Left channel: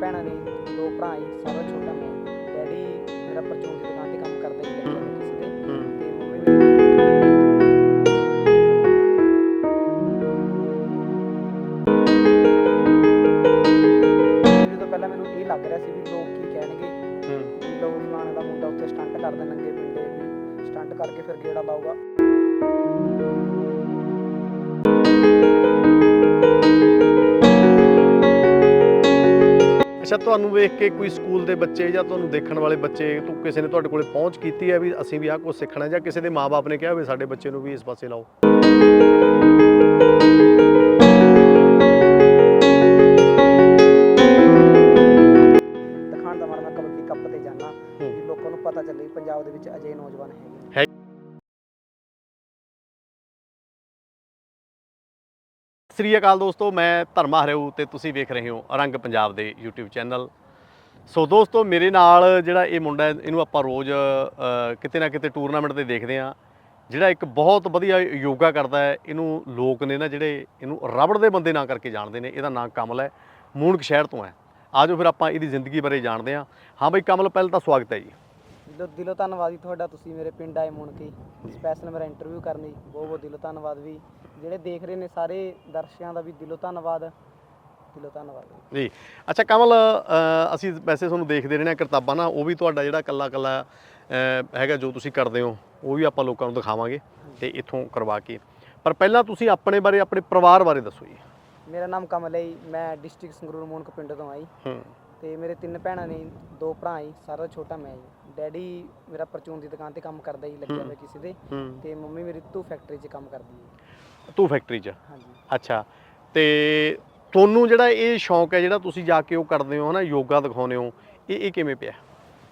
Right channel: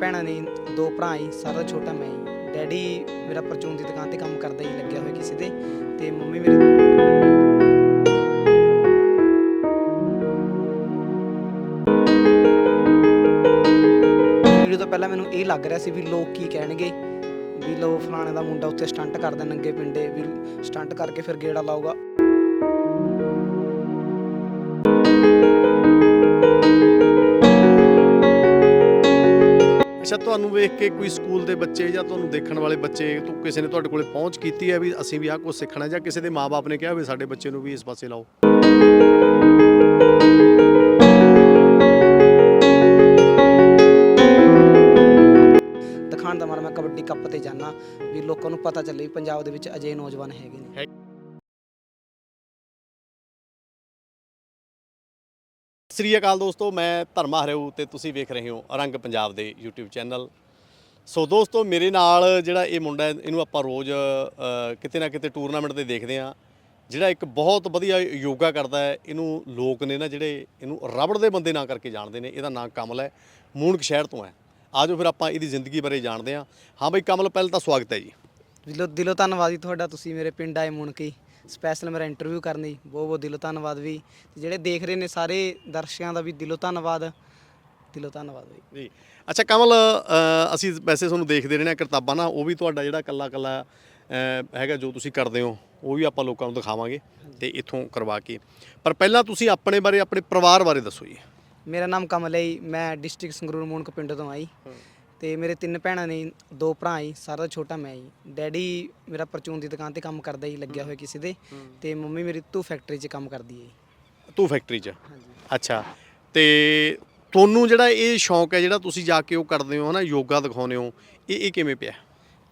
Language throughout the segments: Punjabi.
ਭੈਣਾਂ ਨੇ ਦੋ ਭਰਾ ਹੀ ਸਾਰਾ ਛੋਟਾ ਮੈਂ ਹੀ। ਡੈਡੀ ਮੇਰਾ ਪਰਚੂਨ ਦੀ ਦੁਕਾਨ ਤੇ ਕੰਮ ਕਰਦਾ ਹੀ ਲੱਗਿਆ ਹੋਇਆ ਕਿਸੇ ਤੇ ਤੇ ਮੰਮੀ ਮੇਰੀ ਵੀਡੀਓ ਤੋਂ ਪਹਿਲਾਂ ਮੈਨੂੰ ਇਹ ਲੱਗ ਰਿਹਾ ਸੀ ਵੀ ਲੋਕ ਕੀ ਕਹਿਣਗੇ। ਵੀ ਲੋ ਫਲਾਣੇ ਦਾ ਮੁੰਡਾ ਉੱਥੇ ਸਟੰਟ ਕਰਦਾ ਨੰਗੇ ਪਿੰਡੇ, ਵੀ ਸਟੰਟ ਕਰਕੇ ਫਿਰ ਗੇੜਾ ਲਾਊਗਾ। ਤੁਹਾਨੂੰ ਵੇਖ ਕੇ ਕੋਈ ਸਕੂਲ ਦੇ ਬੱਚੇ ਜਾਂ ਤੁਹਾਨੂੰ ਦੇਖਣ ਵਾਲੇ ਬੱਚੇ ਤੋਂ ਕਿਸੇ ਨੇ ਤੁਹਾਡੇ ਕੋਲੇ ਪਹੁੰਚ ਕੀਤੀ ਹੈ ਵੀ ਅਸੀਂ ਵੀ ਆਹ ਕੁਝ ਸਿੱਖਣਾ ਜਾਂ ਕਿਸੇ ਦੇ ਮਾਪੇ ਨੇ ਕਿਹਾ ਵੀ ਸਾਡੇ ਬੱਚੇ ਨੂੰ ਵੀ ਇਸ ਪਾਸੇ ਲਾਓ? ਸ੍ਰੀ ਅਕਾਲ ਦੋਸਤੋ ਮੈਂ ਧਰਮਾ ਹਰਿਓ ਤੇ ਤੁਸੀਂ ਵੇਖ ਰਹੇ ਹੋ ਰੰਗ ਪੰਜਾਬ ਦੇ YouTube ਚੈਨਲ। ਸੋ ਦੋਸਤੋ ਮੇਰੇ ਨਾਲ ਜਿਹੜਾ ਇਹ ਮੁੰਡਾ ਹੈ ਇਹਨੂੰ ਆਪਾਂ ਰੋਜ਼ ਅ, ਕਿਤੇ ਨਾ ਕਿਤੇ ਟੂਰਨਾਮੈਂਟ ਤੇ ਦੇਖਦੇ ਆ ਜਿਹੜਾ ਇੱਕ ਬਹੁਤ ਵਧੀਆ ਯੋਗਾ ਕਰਦਾ ਹੈ ਇਹਨੂੰ ਲੋਕ ਨੇ ਨਾ ਜਿਹੜੇ ਇਹਨੂੰ ਰਬੜ ਦੇ ਬੰਦੇ ਨਾਂ ਕਰਕੇ ਜਾਣਦੇ ਨੇ ਇਹਦਾ ਨਾਂ ਕਮਲ ਹੈ ਮੂਣਕ ਸ਼ਹਿਰ ਤੋਂ ਹੈ। ਆਜੋ ਫਿਰ ਆਪਾਂ ਇਹਦੀ ਜ਼ਿੰਦਗੀ ਬਾਰੇ ਜਾਣਦੇ ਹਾਂ। ਹਾਂ ਬਈ ਕਮਲ ਪਹਿਲਾਂ ਤਾਂ ਸਵਾਗਤ ਹੈ ਜੀ। ਦਿਲੋਂ ਦਿਲੋਂ ਧੰਨਵਾਦ ਜੀ ਤੁਹਾਡਾ ਤੁਸੀਂ ਮੇਰੇ ਪਿੰਡ ਆਏ ਮੁਣਕੀ ਸਪੈਸ਼ਲ ਮੇਰਾ ਇੰਟਰਵਿਊ ਕਰਨ ਬਹੁਤ ਬਹੁਤ ਦਿਲੋਂ ਧੰਨਵਾਦ ਵੀ। ਜਿਹੜੇ ਦੇਖ ਰਹੇ ਨੇ ਸਾਰੇ ਦਰਸ਼ਕਾਂ ਦਾ ਵੀ ਦਿਲੋਂ ਧੰਨਵਾਦ। ਦਿਲੋਂ ਧੰਨਵਾਦ ਵੀ ਜੀ। ਅੱਛਾ ਕਮਲ ਅ, ਅਸੀਂ ਵੈਸੇ ਤੁਹਾਨੂੰ ਦੇਖਦੇ ਰਹਿਣਾ ਕਿਤਾਬਾਂ ਨਾ ਉਹ ਵੀ ਤੁਹਾਡਾ ਜਿਹੜਾ ਕੱਲਾ ਕੱਲਾ ਹੈਗਾ ਜੋ ਤੁਸੀਂ ਕਰਦੇ ਹੋ ਉਹ ਵੀ ਆਪਾਂ ਲੋਕਾਂ ਨੂੰ ਦਿਖਾਵਾਂਗੇ ਤੇ ਇੱਥੋਂ ਕਰਵਾ ਕੇ। ਪਰ ਪਹਿਲਾਂ ਤੁਸੀਂ ਆਪਣੇ ਬਾਰੇ ਆਪਣੇ ਪਰਿਵਾਰ ਬਾਰੇ ਦੱਸੋ ਜੀ। ਮੇਰਾ ਨਾਮ ਕਮਲ ਹੈ ਜੀ, ਮੈਂ ਡਿਸਟ੍ਰਿਕਟ ਸੰਗਰੂਰ ਮੁਣਕ ਪਿੰਡ ਤੋਂ ਆਈ। ਤੇ ਮੇਰੇ ਤਿੰਨ ਭੈਣਾਂ ਨੇ ਦੋ ਭਰਾ ਹੀ ਸਾਰਾ ਛੋਟਾ ਮੈਂ ਹੀ ਡੈਡੀ ਮੇਰਾ ਪਰਚੂਨ ਦੀ ਦੁਕਾਨ ਤੇ ਕੰਮ ਕਰਦਾ ਹੀ ਲੱਗਿਆ ਹੋਇਆ ਕਿਸੇ ਦੇ। ਤੇ ਮੰਮੀ ਮੇਰੀ ਤੂ ਫੈਕਟਰੀ 'ਚ ਕੰਮ ਕਰਦੀ ਹੈ ਤੂੰ ਫੈਕਟਰੀ 'ਚ? ਹਾਂਜੀ। ਅੱਛਾ। ਤੇ ਤੁਹਾਨੂੰ ਜਿਹੜਾ ਇਹ ਸ਼ੌਂਕ ਹੈ ਜਿਹੜਾ ਤੁਸੀਂ ਜਾ ਕੇ ਉਹ ਕਰਦੇ ਹੋ ਹਨਾ ਯੋਗਾ ਦਿਖਾਉਂਦੇ ਹੋ ਇਹ ਇਹ ਕਿਵੇਂ ਪਿਆ?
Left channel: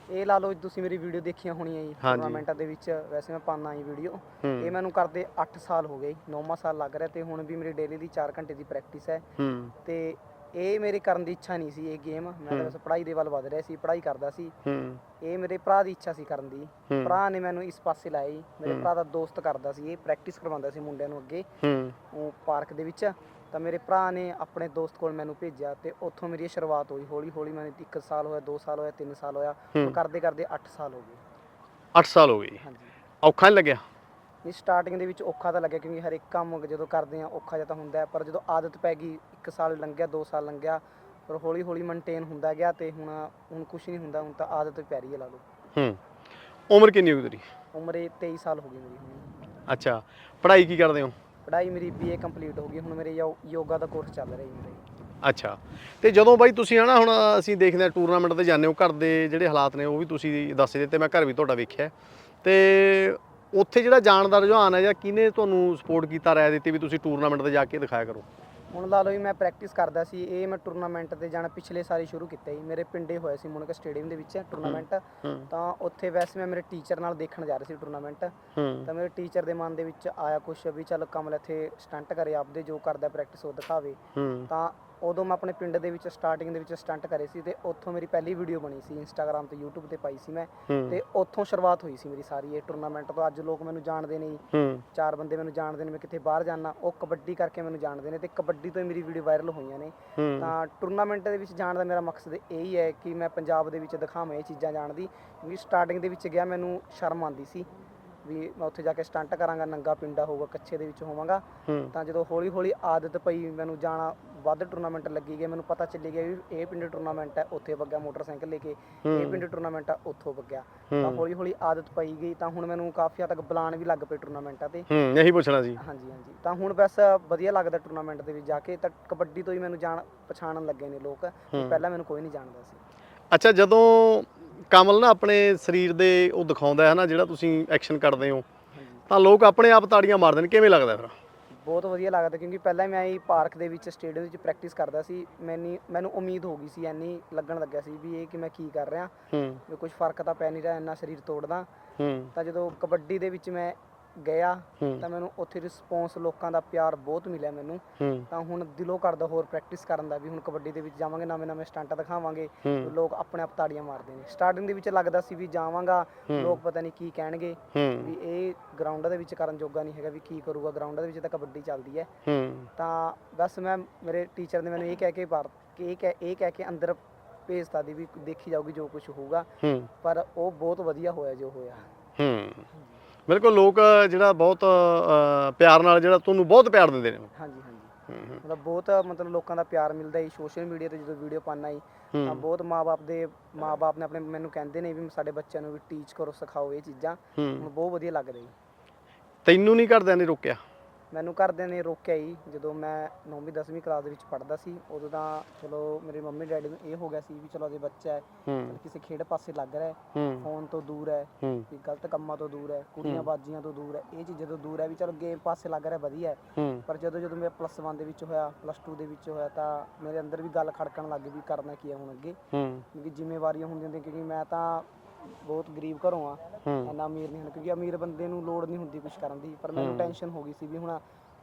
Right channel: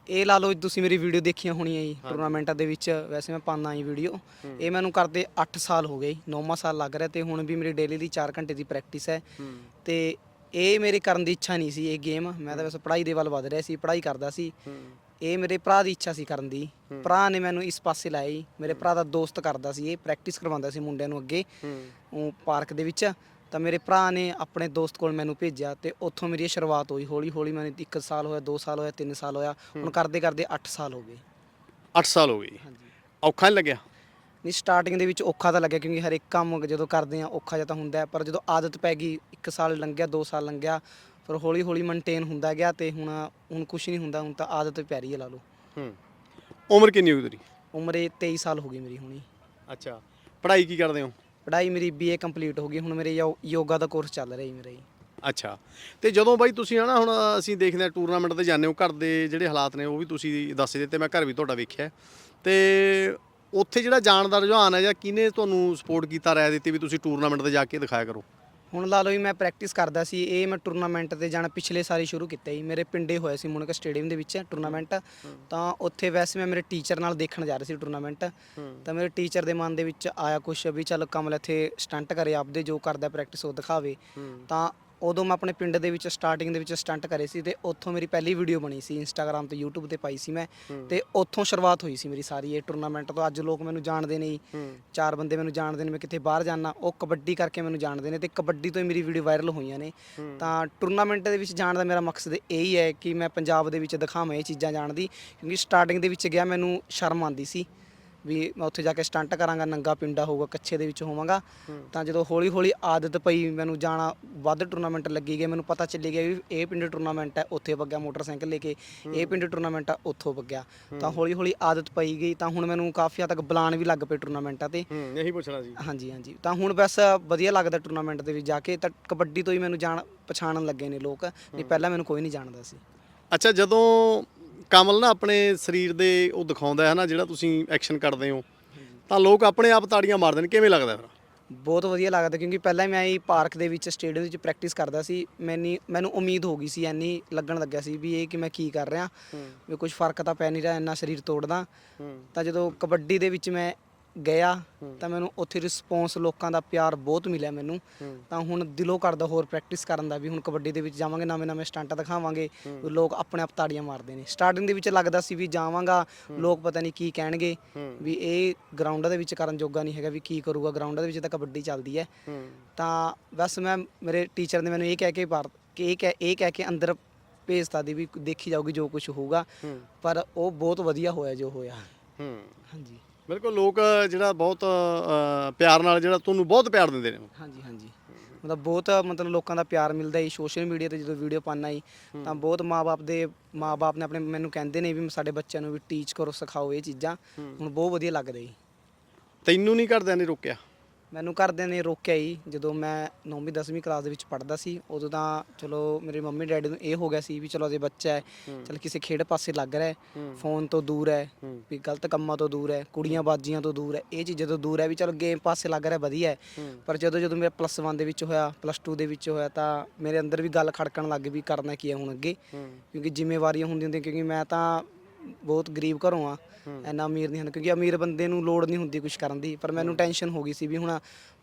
ਇਹ ਲਾ ਲਓ ਤੁਸੀਂ ਮੇਰੀ ਵੀਡੀਓ ਦੇਖੀਆਂ ਹੋਣੀਆਂ ਜੀ ਹਾਂਜੀ। ਟੂਰਨਾਮੈਂਟਾਂ ਦੇ ਵਿੱਚ ਵੈਸੇ ਮੈਂ ਪਾਉਂਦਾ ਹੀ ਵੀਡੀਓ। ਹੂੰ। ਇਹ ਮੈਨੂੰ ਕਰਦੇ 8 ਸਾਲ ਹੋ ਗਏ 9ਵਾਂ ਸਾਲ ਲੱਗ ਰਿਹਾ ਤੇ ਹੁਣ ਵੀ ਮੇਰੀ ਡੇਲੀ ਦੀ 4 ਘੰਟੇ ਦੀ ਪ੍ਰੈਕਟਿਸ ਹੈ। ਹੂੰ। ਤੇ ਇਹ ਮੇਰੇ ਕਰਨ ਦੀ ਇੱਛਾ ਨਹੀਂ ਸੀ ਇਹ ਗੇਮ ਮੈਂ ਤਾਂ ਵੈਸੇ ਪੜ੍ਹਾਈ ਦੇ ਵੱਲ ਵਧ ਰਿਹਾ ਸੀ ਪੜ੍ਹਾਈ ਕਰਦਾ ਸੀ। ਹੂੰ। ਇਹ ਮੇਰੇ ਭਰਾ ਦੀ ਇੱਛਾ ਸੀ ਕਰਨ ਦੀ। ਭਰਾ ਨੇ ਮੈਨੂੰ ਇਸ ਪਾਸੇ ਲਾਇਆ ਜੀ ਮੇਰੇ ਭਰਾ ਦਾ ਦੋਸਤ ਕਰਦਾ ਸੀ ਇਹ ਪ੍ਰੈਕਟਿਸ ਕਰਵਾਉਂਦਾ ਸੀ ਮੁੰਡਿਆਂ ਨੂੰ ਅੱਗੇ। ਹੂੰ। ਉਹ ਪਾਰਕ ਦੇ ਵਿੱਚ। ਤਾਂ ਮੇਰੇ ਭਰਾ ਨੇ ਆਪਣੇ ਦੋਸਤ ਕੋਲ ਮੈਨੂੰ ਭੇਜਿਆ ਤੇ ਉੱਥੋਂ ਮੇਰੀ ਇਹ ਸ਼ੁਰੂਆਤ ਹੋਈ। ਹੌਲੀ ਹੌਲੀ ਮੈਨੂੰ 1 ਸਾਲ ਹੋਇਆ 2 ਸਾਲ ਹੋਇਆ 3 ਸਾਲ ਹੋਇਆ। ਹੁਣ ਕਰਦੇ ਕਰਦੇ 8 ਸਾਲ ਹੋ ਗਏ। 8 ਸਾਲ ਹੋ ਗਏ। ਜੀ। ਹਾਂਜੀ। ਔਖਾ ਨਹੀਂ ਲੱਗਿਆ? ਨਹੀਂ ਸਟਾਰਟਿੰਗ ਦੇ ਵਿੱਚ ਔਖਾ ਤਾਂ ਲੱਗਿਆ ਕਿਉਂਕਿ ਹਰ ਇੱਕ ਕੰਮ ਜਦੋਂ ਕਰਦੇ ਆ ਔਖਾ ਜਿਹਾ ਤਾਂ ਹੁੰਦਾ ਹੈ, ਪਰ ਜਦੋਂ ਆਦਤ ਪੈ ਗਈ 1 ਸਾਲ ਲੰਘਿਆ 2 ਸਾਲ ਲੰਘਿਆ ਫਿਰ ਹੌਲੀ ਹੌਲੀ ਮੇਨਟੇਨ ਹੁੰਦਾ ਗਿਆ ਤੇ ਹੁਣ ਹੁਣ ਕੁਝ ਨਹੀਂ ਹੁੰਦਾ ਹੁਣ ਤਾਂ ਆਦਤ ਪੈ ਰਹੀ ਹੈ ਲਾ ਲਓ। ਹੂੰ। ਉਮਰ ਕਿੰਨੀ ਹੋ ਗਈ ਤੇਰੀ? ਉਮਰ ਇਹ 23 ਸਾਲ ਹੋ ਗਈ ਮੇਰੀ ਹੁਣੀ। ਅੱਛਾ। ਪੜ੍ਹਾਈ ਕੀ ਕਰਦੇ ਹੋ? ਪੜ੍ਹਾਈ ਮੇਰੀ ਬੀਏ ਕੰਪਲੀਟ ਹੋ ਗਈ ਹੁਣ ਮੇਰੇ ਯੋ- ਯੋਗਾ ਦਾ ਕੋਰਸ ਚੱਲ ਰਿਹਾ ਜੀ ਮੇਰਾ ਅੱਛਾ। ਤੇ ਜਦੋਂ ਬਾਈ ਤੁਸੀਂ ਹਨਾ ਹੁਣ ਅਸੀਂ ਦੇਖਦੇ ਹਾਂ ਟੂਰਨਾਮੈਂਟ ਤੇ ਜਾਂਦੇ ਹੋ ਘਰ ਦੇ ਜਿਹੜੇ ਹਾਲਾਤ ਨੇ ਉਹ ਵੀ ਤੁਸੀਂ ਦੱਸ ਦਿੱਤੇ ਮੈਂ ਘਰ ਵੀ ਤੁਹਾਡਾ ਵੇਖਿਆ। ਤੇ ਉੱਥੇ ਜਿਹੜਾ ਜਾਣ ਦਾ ਰੁਝਾਨ ਹੈ ਜਾਂ ਕਿਹਨੇ ਤੁਹਾਨੂੰ ਸਪੋਰਟ ਕੀਤਾ ਰਾਇ ਦਿੱਤੀ ਵੀ ਤੁਸੀਂ ਟੂਰਨਾਮੈਂਟ ਤੇ ਜਾ ਕੇ ਦਿਖਾਇਆ ਕਰੋ? ਹੁਣ ਲਾ ਲਓ ਵੀ ਮੈਂ ਪ੍ਰੈਕਟਿਸ ਕਰਦਾ ਸੀ ਇਹ ਮੈਂ ਟੂਰਨਾਮੈਂਟ ਤੇ ਜਾਣਾ ਪਿਛਲੇ ਸਾਲ ਹੀ ਸ਼ੁਰੂ ਕੀਤਾ ਜੀ। ਮੇਰੇ ਪਿੰਡੇ ਹੋਏ ਸੀ ਮੁਨਕ ਸਟੇਡੀਅਮ ਦੇ ਵਿੱਚ ਟੂਰਨਾਮੈਂਟ ਤਾਂ ਉੱਥੇ ਵੈਸੇ ਮੈਂ ਮੇਰੇ ਟੀਚਰ ਨਾਲ ਦੇਖਣ ਜਾ ਰਿਹਾ ਸੀ ਟੂਰਨਾਮੈਂਟ ਤਾਂ ਮੇਰੇ ਟੀਚਰ ਦੇ ਮਨ ਦੇ ਵਿੱਚ ਆਇਆ ਕੁਛ ਵੀ ਚੱਲ ਕਮਲ ਇੱਥੇ ਸਟੰਟ ਕਰੇ ਆਪਦੇ ਜੋ ਕਰਦਾ ਪ੍ਰੈਕਟਿਸ ਉਹ ਦਿਖਾਵੇ। ਤਾਂ ਉਦੋਂ ਮੈਂ ਆਪਣੇ ਪਿੰਡ ਦੇ ਵਿੱਚ ਸਟਾਰਟਿੰਗ ਦੇ ਵਿੱਚ ਸਟੰਟ ਕਰੇ ਸੀ ਤੇ ਉੱਥੋਂ ਮੇਰੀ ਪਹਿਲੀ ਵੀਡੀਓ ਬਣੀ ਸੀ ਇੰਸਟਾਗ੍ਰam ਤੇ YouTube ਤੇ ਪਾਈ ਸੀ ਮੈਂ। ਤੇ ਉੱਥੋਂ ਸ਼ੁਰੂਆਤ ਹੋਈ ਸੀ ਮੇਰੀ ਸਾਰੀ ਇਹ ਟੂਰਨਾਮੈਂਟ ਤੋਂ ਅੱਜ ਲੋਕ ਮੈਨੂੰ ਜਾਣਦੇ ਨੇ ਜੀ। ਹੂੰ ਚਾਰ ਬੰਦੇ ਮੈਨੂੰ ਜਾਣਦੇ ਨੇ ਮੈਂ ਕਿਤੇ ਬਾਹਰ ਜਾਣਾ ਉਹ ਕਬੱਡੀ ਕਰਕੇ ਮੈਨੂੰ ਜਾਣਦੇ ਨੇ ਤੇ ਕਬੱਡੀ ਤੋਂ ਹੀ ਮੇਰੀ ਵੀਡੀਓ ਵਾਇਰਲ ਹੋਈਆਂ ਨੇ। ਤਾਂ ਟੂਰਨਾਮੈਂਟ ਦੇ ਵਿੱਚ ਜਾਣ ਦਾ ਮੇਰਾ ਮਕਸਦ ਇਹ ਹੀ ਹੈ ਕਿ ਮੈਂ ਪੰਜਾਬ ਦੇ ਵਿੱਚ ਦਿਖਾਵਾਂ ਇਹ ਚੀਜ਼ਾਂ ਜਾਣਦੀ ਕਿਉਂਕਿ ਸਟਾਰਟਿੰਗ ਦੇ ਵਿੱਚ ਗਿਆ ਮੈਨੂੰ ਸ਼ਰਮ ਆਉਂਦੀ ਸੀ ਵੀ ਮੈਂ ਉੱਥੇ ਜਾ ਕੇ ਸਟੰਟ ਕਰਾਂਗਾ ਨੰਗਾ ਪਿੰਡਾ ਹੋਊਗਾ ਕੱਚੇ ਦੇ ਵਿੱਚ ਹੋਵਾਂਗਾ। ਤਾਂ ਜਦੋਂ ਹੌਲੀ ਹੌਲੀ ਆਦਤ ਪਈ ਮੈਨੂੰ ਜਾਣਾ ਵੱਧ ਟੂਰਨਾਮੈਂਟ ਲੱਗੀ ਗਏ ਮੈਨੂੰ ਪਤਾ ਚੱਲੀ ਗਿਆ ਵੀ ਇਹ ਪਿੰਡ ਟੂਰਨਾਮੈਂਟ ਹੈ ਉੱਥੇ ਵਗਿਆ ਮੋਟਰਸਾਈਕਲ ਲੈ ਕੇ ਇਹ ਪਿੰਡ ਟੂਰਨਾਮੈਂਟ ਆ ਉੱਥੋਂ ਵਗਿਆ। ਤਾਂ ਹੌਲੀ ਹੌਲੀ ਆਦਤ ਪਈ ਗਈ ਤਾਂ ਹੁਣ ਮੈਨੂੰ ਕਾਫੀ ਹੱਦ ਤੱਕ ਬੁਲਾਣ ਵੀ ਲੱਗ ਪਏ ਟੂਰਨਾਮੈਂਟਾਂ ਤੇ ਹੂੰ ਇਹੀ ਪੁੱਛਣਾ ਸੀ। ਹਾਂਜੀ ਹਾਂਜੀ। ਤਾਂ ਹੁਣ ਬਸ ਵਧੀਆ ਲੱਗਦਾ ਟੂਰਨਾਮੈਂਟ ਦੇ ਵਿੱਚ ਜਾ ਕੇ ਤਾਂ ਕਬੱਡੀ ਤੋਂ ਹੀ ਮੈਨੂੰ ਜਾਣ ਪਛਾਣਨ ਲੱਗੇ ਨੇ ਲੋਕ ਵੀ ਪਹਿਲਾਂ ਮੈਨੂੰ ਕੋਈ ਨਹੀਂ ਜਾਣਦਾ ਸੀ। ਅੱਛਾ ਜਦੋਂ ਕਮਲ ਨਾ ਆਪਣੇ ਸਰੀਰ ਦੇ ਉਹ ਦਿਖਾਉਂਦਾ ਹੈ ਨਾ ਜਿਹੜਾ ਤੁਸੀਂ ਐਕਸ਼ਨ ਕਰਦੇ ਹੋ। ਤਾਂ ਲੋਕ ਆਪਣੇ ਆਪ ਤਾੜੀਆਂ ਮਾਰਦੇ ਨੇ ਕਿਵੇਂ ਲੱਗਦਾ ਫਿਰ? ਬਹੁਤ ਵਧੀਆ ਲੱਗਦਾ ਕਿਉਂਕਿ ਪਹਿਲਾਂ ਮੈਂ ਇਹ ਪਾਰਕ ਦੇ ਵਿੱਚ ਸਟੇਡੀਅਮ ਵਿੱਚ ਪ੍ਰੈਕਟਿਸ ਕਰਦਾ ਸੀ। ਮੈਨੀ ਮੈਨੂੰ ਉਮੀਦ ਹੋ ਗਈ ਸੀ ਐਨੀ ਲੱਗਣ ਲੱਗਿਆ ਸੀ ਵੀ ਇਹ ਕਿ ਮੈਂ ਕੀ ਕਰ ਰਿਹਾ। ਹੂੰ। ਵੀ ਕੁਝ ਫ਼ਰਕ ਤਾਂ ਪੈ ਨਹੀਂ ਰਿਹਾ ਇੰਨਾ ਸਰੀਰ ਤੋੜਦਾ। ਤਾਂ ਜਦੋਂ ਕਬੱਡੀ ਦੇ ਵਿੱਚ ਮੈਂ ਗਿਆ। ਤਾਂ ਮੈਨੂੰ ਉੱਥੇ ਰਿਸਪੌਂਸ ਲੋਕਾਂ ਦਾ ਪਿਆਰ ਬਹੁਤ ਮਿਲਿਆ ਮੈਨੂੰ। ਤਾਂ ਹੁਣ ਦਿਲੋਂ ਕਰਦਾ ਹੋਰ ਪ੍ਰੈਕਟਿਸ ਕਰਨ ਦਾ ਵੀ ਹੁਣ ਕਬੱਡੀ ਦੇ ਵਿੱਚ ਜਾਵਾਂਗੇ ਨਵੇਂ ਨਵੇਂ ਸਟੰਟ ਦਿਖਾਵਾਂਗੇ। ਲੋਕ ਆਪਣੇ ਆਪ ਤਾੜੀਆਂ ਮਾਰਦੇ ਨੇ। ਸਟਾਰਟਿੰਗ ਦੇ ਵਿੱਚ ਲੱਗਦਾ ਸੀ ਵੀ ਜਾਵਾਂਗਾ ਲੋਕ ਪਤਾ ਨਹੀਂ ਕੀ ਕਹਿਣਗੇ। ਵੀ ਇਹ ਗਰਾਊਂਡਾਂ ਦੇ ਵਿੱਚ ਕਰਨ ਜੋਗਾ ਨਹੀਂ ਹੈਗਾ ਵੀ ਕੀ ਕਰੂਗਾ। ਗਰਾਊਂਡਾਂ ਦੇ ਵਿੱਚ ਤਾਂ ਕਬੱਡੀ ਚੱਲਦੀ ਹੈ। ਤਾਂ ਬਸ ਮੈਂ ਮੇਰੇ ਟੀਚਰ ਨੇ ਮੈਨੂੰ ਇਹ ਕਹਿ ਕੇ ਪਾਰ ਕਿ ਇਹ ਕਹਿ ਇਹ ਕਹਿ ਕੇ ਅੰਦਰ ਭੇਜਤਾ ਦੀ ਵੀ ਦੇਖੀ ਜਾਊਗੀ ਜੋ ਕੁਝ ਹੋਊਗਾ। ਪਰ ਉਹ ਬਹੁਤ ਵਧੀਆ ਹੋਇਆ ਜੋ ਹੋਇਆ। ਹੂੰ। ਹਾਂਜੀ। ਬਿਲਕੁਲ ਲੋਕ ਜਿਹੜਾ ਬਹੁਤ ਅ, ਪਿਆਰ ਨਾਲ ਜਿਹੜਾ ਤੁਹਾਨੂੰ ਬਹੁਤ ਪਿਆਰ ਦਿੰਦੇ ਨੇ। ਹਾਂਜੀ ਹਾਂਜੀ। ਮਤਲਬ ਬਹੁਤ ਮਤਲਬ ਲੋਕਾਂ ਦਾ ਪਿਆਰ ਮਿਲਦਾ ਜੀ ਸੋਸ਼ਲ ਮੀਡੀਆ ਤੇ ਜਦੋਂ ਵੀਡੀਓ ਪਾਣਾ ਜੀ ਤਾਂ ਬਹੁਤ ਮਾਪੇ ਦੇ ਮਾਪੇ ਨੇ ਆਪਣੇ ਮੈਨੂੰ ਕਹਿੰਦੇ ਨੇ ਵੀ ਸਾਡੇ ਬੱਚਿਆਂ ਨੂੰ ਵੀ ਟੀਚ ਕਰੋ ਸਿਖਾਓ ਇਹ ਚੀਜ਼ਾਂ। ਹੁਣ ਬਹੁਤ ਵਧੀਆ ਲੱਗਦਾ ਜੀ। ਤੈਨੂੰ ਨਹੀਂ ਘਰਦਿਆਂ ਨੇ ਰੋਕਿਆ? ਮੈਨੂੰ ਘਰਦਿਆਂ ਨੇ ਰੋਕਿਆ ਜੀ ਜਦੋਂ ਮੈਂ 9ਵੀਂ 10ਵੀਂ ਕਲਾਸ ਦੇ ਵਿੱਚ ਪੜ੍ਹਦਾ ਸੀ ਉਦੋਂ ਤਾਂ ਚਲੋ ਮੇਰੇ ਮੰਮੀ ਡੈਡੀ ਨੂੰ ਇਹ ਹੋ ਗਿਆ ਸੀ ਵੀ ਚਲੋ ਅਜੇ ਬੱਚਾ ਹੈ ਚਲ ਕਿਸੇ ਖੇਡ ਪਾਸੇ ਲੱਗ ਰਿਹਾ ਹੈ ਫੋਨ ਤੋਂ ਦੂਰ ਹੈ ਹੂੰ। ਵੀ ਗਲਤ ਕੰਮਾਂ ਤੋਂ ਦੂਰ ਹੈ ਕੁੜੀਆਂ ਬਾਜੀਆਂ ਤੋਂ ਦੂਰ ਹੈ ਇਹ ਚੀਜ਼ਾਂ ਤੋਂ ਦੂਰ ਹੈ ਵੀ ਚਲ ਗੇਮ ਪਾਸੇ ਲੱਗ ਰਿਹਾ ਵਧੀਆ ਹੈ। ਹੂੰ। ਪਰ ਜਦੋਂ ਜਦੋਂ ਮੇਰਾ ਪਲੱਸ 1 ਦੇ ਵਿੱਚ ਹੋਇਆ ਪਲੱਸ 2 ਦੇ ਵਿੱਚ ਹੋਇਆ ਤਾਂ ਮੇਰੇ ਅੰਦਰ ਵੀ ਗੱਲ ਖੜਕਣ ਲੱਗ ਗਈ ਵੀ ਕਰਨਾ ਕੀ ਹੈ ਹੁਣ ਅੱਗੇ। ਹੂੰ। ਕਿਉਂਕਿ ਜ਼ਿੰਮੇਵਾਰੀਆਂ ਹੁੰਦੀਆਂ ਹੁੰਦੀਆਂ ਕਿਉਂਕਿ ਮੈਂ ਤਾਂ ਬਹੁਤ ਗਰੀਬ ਘਰੋਂ ਆ। ਇੰਨਾ ਅਮੀਰ ਨਹੀਂ ਹਨ ਕਿਉਂਕਿ ਅਮੀਰ ਬੰਦੇ ਨੂੰ ਲੋੜ ਨਹੀਂ ਹੁੰਦੀ ਕੁਝ ਕਰਨ ਦੀ। ਪਰ ਮੈਨੂੰ ਟੈਨਸ਼ਨ ਹੋ ਗਈ ਸੀ ਵੀ ਹੁਣ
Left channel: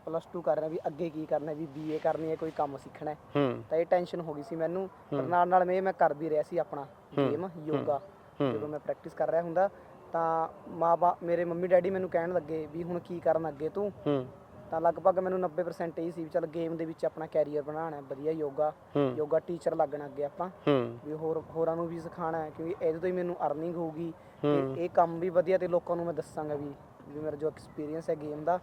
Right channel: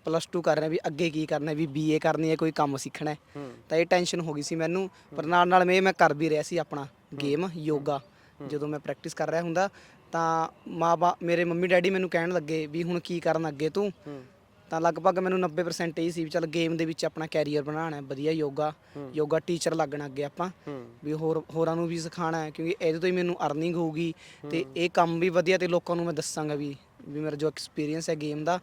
ਪਲੱਸ 2 ਕਰ ਰਿਹਾ ਵੀ ਅੱਗੇ ਕੀ ਕਰਨਾ ਵੀ ਬੀਏ ਕਰਨੀ ਹੈ ਕੋਈ ਕੰਮ ਸਿੱਖਣਾ ਹੈ। ਤਾਂ ਇਹ ਟੈਨਸ਼ਨ ਹੋ ਗਈ ਸੀ ਮੈਨੂੰ ਪਰ ਨਾਲ ਨਾਲ ਮੈਂ ਮੈਂ ਕਰ ਵੀ ਰਿਹਾ ਸੀ ਆਪਣਾ ਗੇਮ ਯੋਗਾ ਜਦੋਂ ਮੈਂ ਪ੍ਰੈਕਟਿਸ ਕਰ ਰਿਹਾ ਹੁੰਦਾ। ਤਾਂ ਮਾਂ ਮੇਰੇ ਮੰਮੀ ਡੈਡੀ ਮੈਨੂੰ ਕਹਿਣ ਲੱਗੇ ਵੀ ਹੁਣ ਕੀ ਕਰਨ ਅੱਗੇ ਤੂੰ? ਤਾਂ ਲਗਭਗ ਮੈਨੂੰ 90% ਇਹ ਸੀ ਵੀ ਚੱਲ ਗੇਮ ਦੇ ਵਿੱਚ ਆਪਣਾ ਕੈਰੀਅਰ ਬਣਾਉਣਾ ਹੈ ਵਧੀਆ ਯੋਗਾ ਯੋਗਾ ਟੀਚਰ ਲੱਗਣਾ ਅੱਗੇ ਆਪਾਂ। ਵੀ ਹੋਰ ਹੋਰਾਂ ਨੂੰ ਵੀ ਸਿਖਾਉਣਾ ਹੈ ਕਿਉਂਕਿ ਇਹਦੇ ਤੋਂ ਹੀ ਮੈਨੂੰ ਅਰਨਿੰਗ ਹੋਊਗੀ। ਤੇ ਇਹ ਕੰਮ ਵੀ ਵਧੀਆ ਤੇ ਲੋਕਾਂ ਨੂੰ ਮੈਂ ਦੱਸਾਂਗਾ ਵੀ ਵੀ ਮੇਰਾ ਜੋ ਐਕਸਪੀਰੀਅੰਸ ਹੈ ਗੇਮ ਦਾ।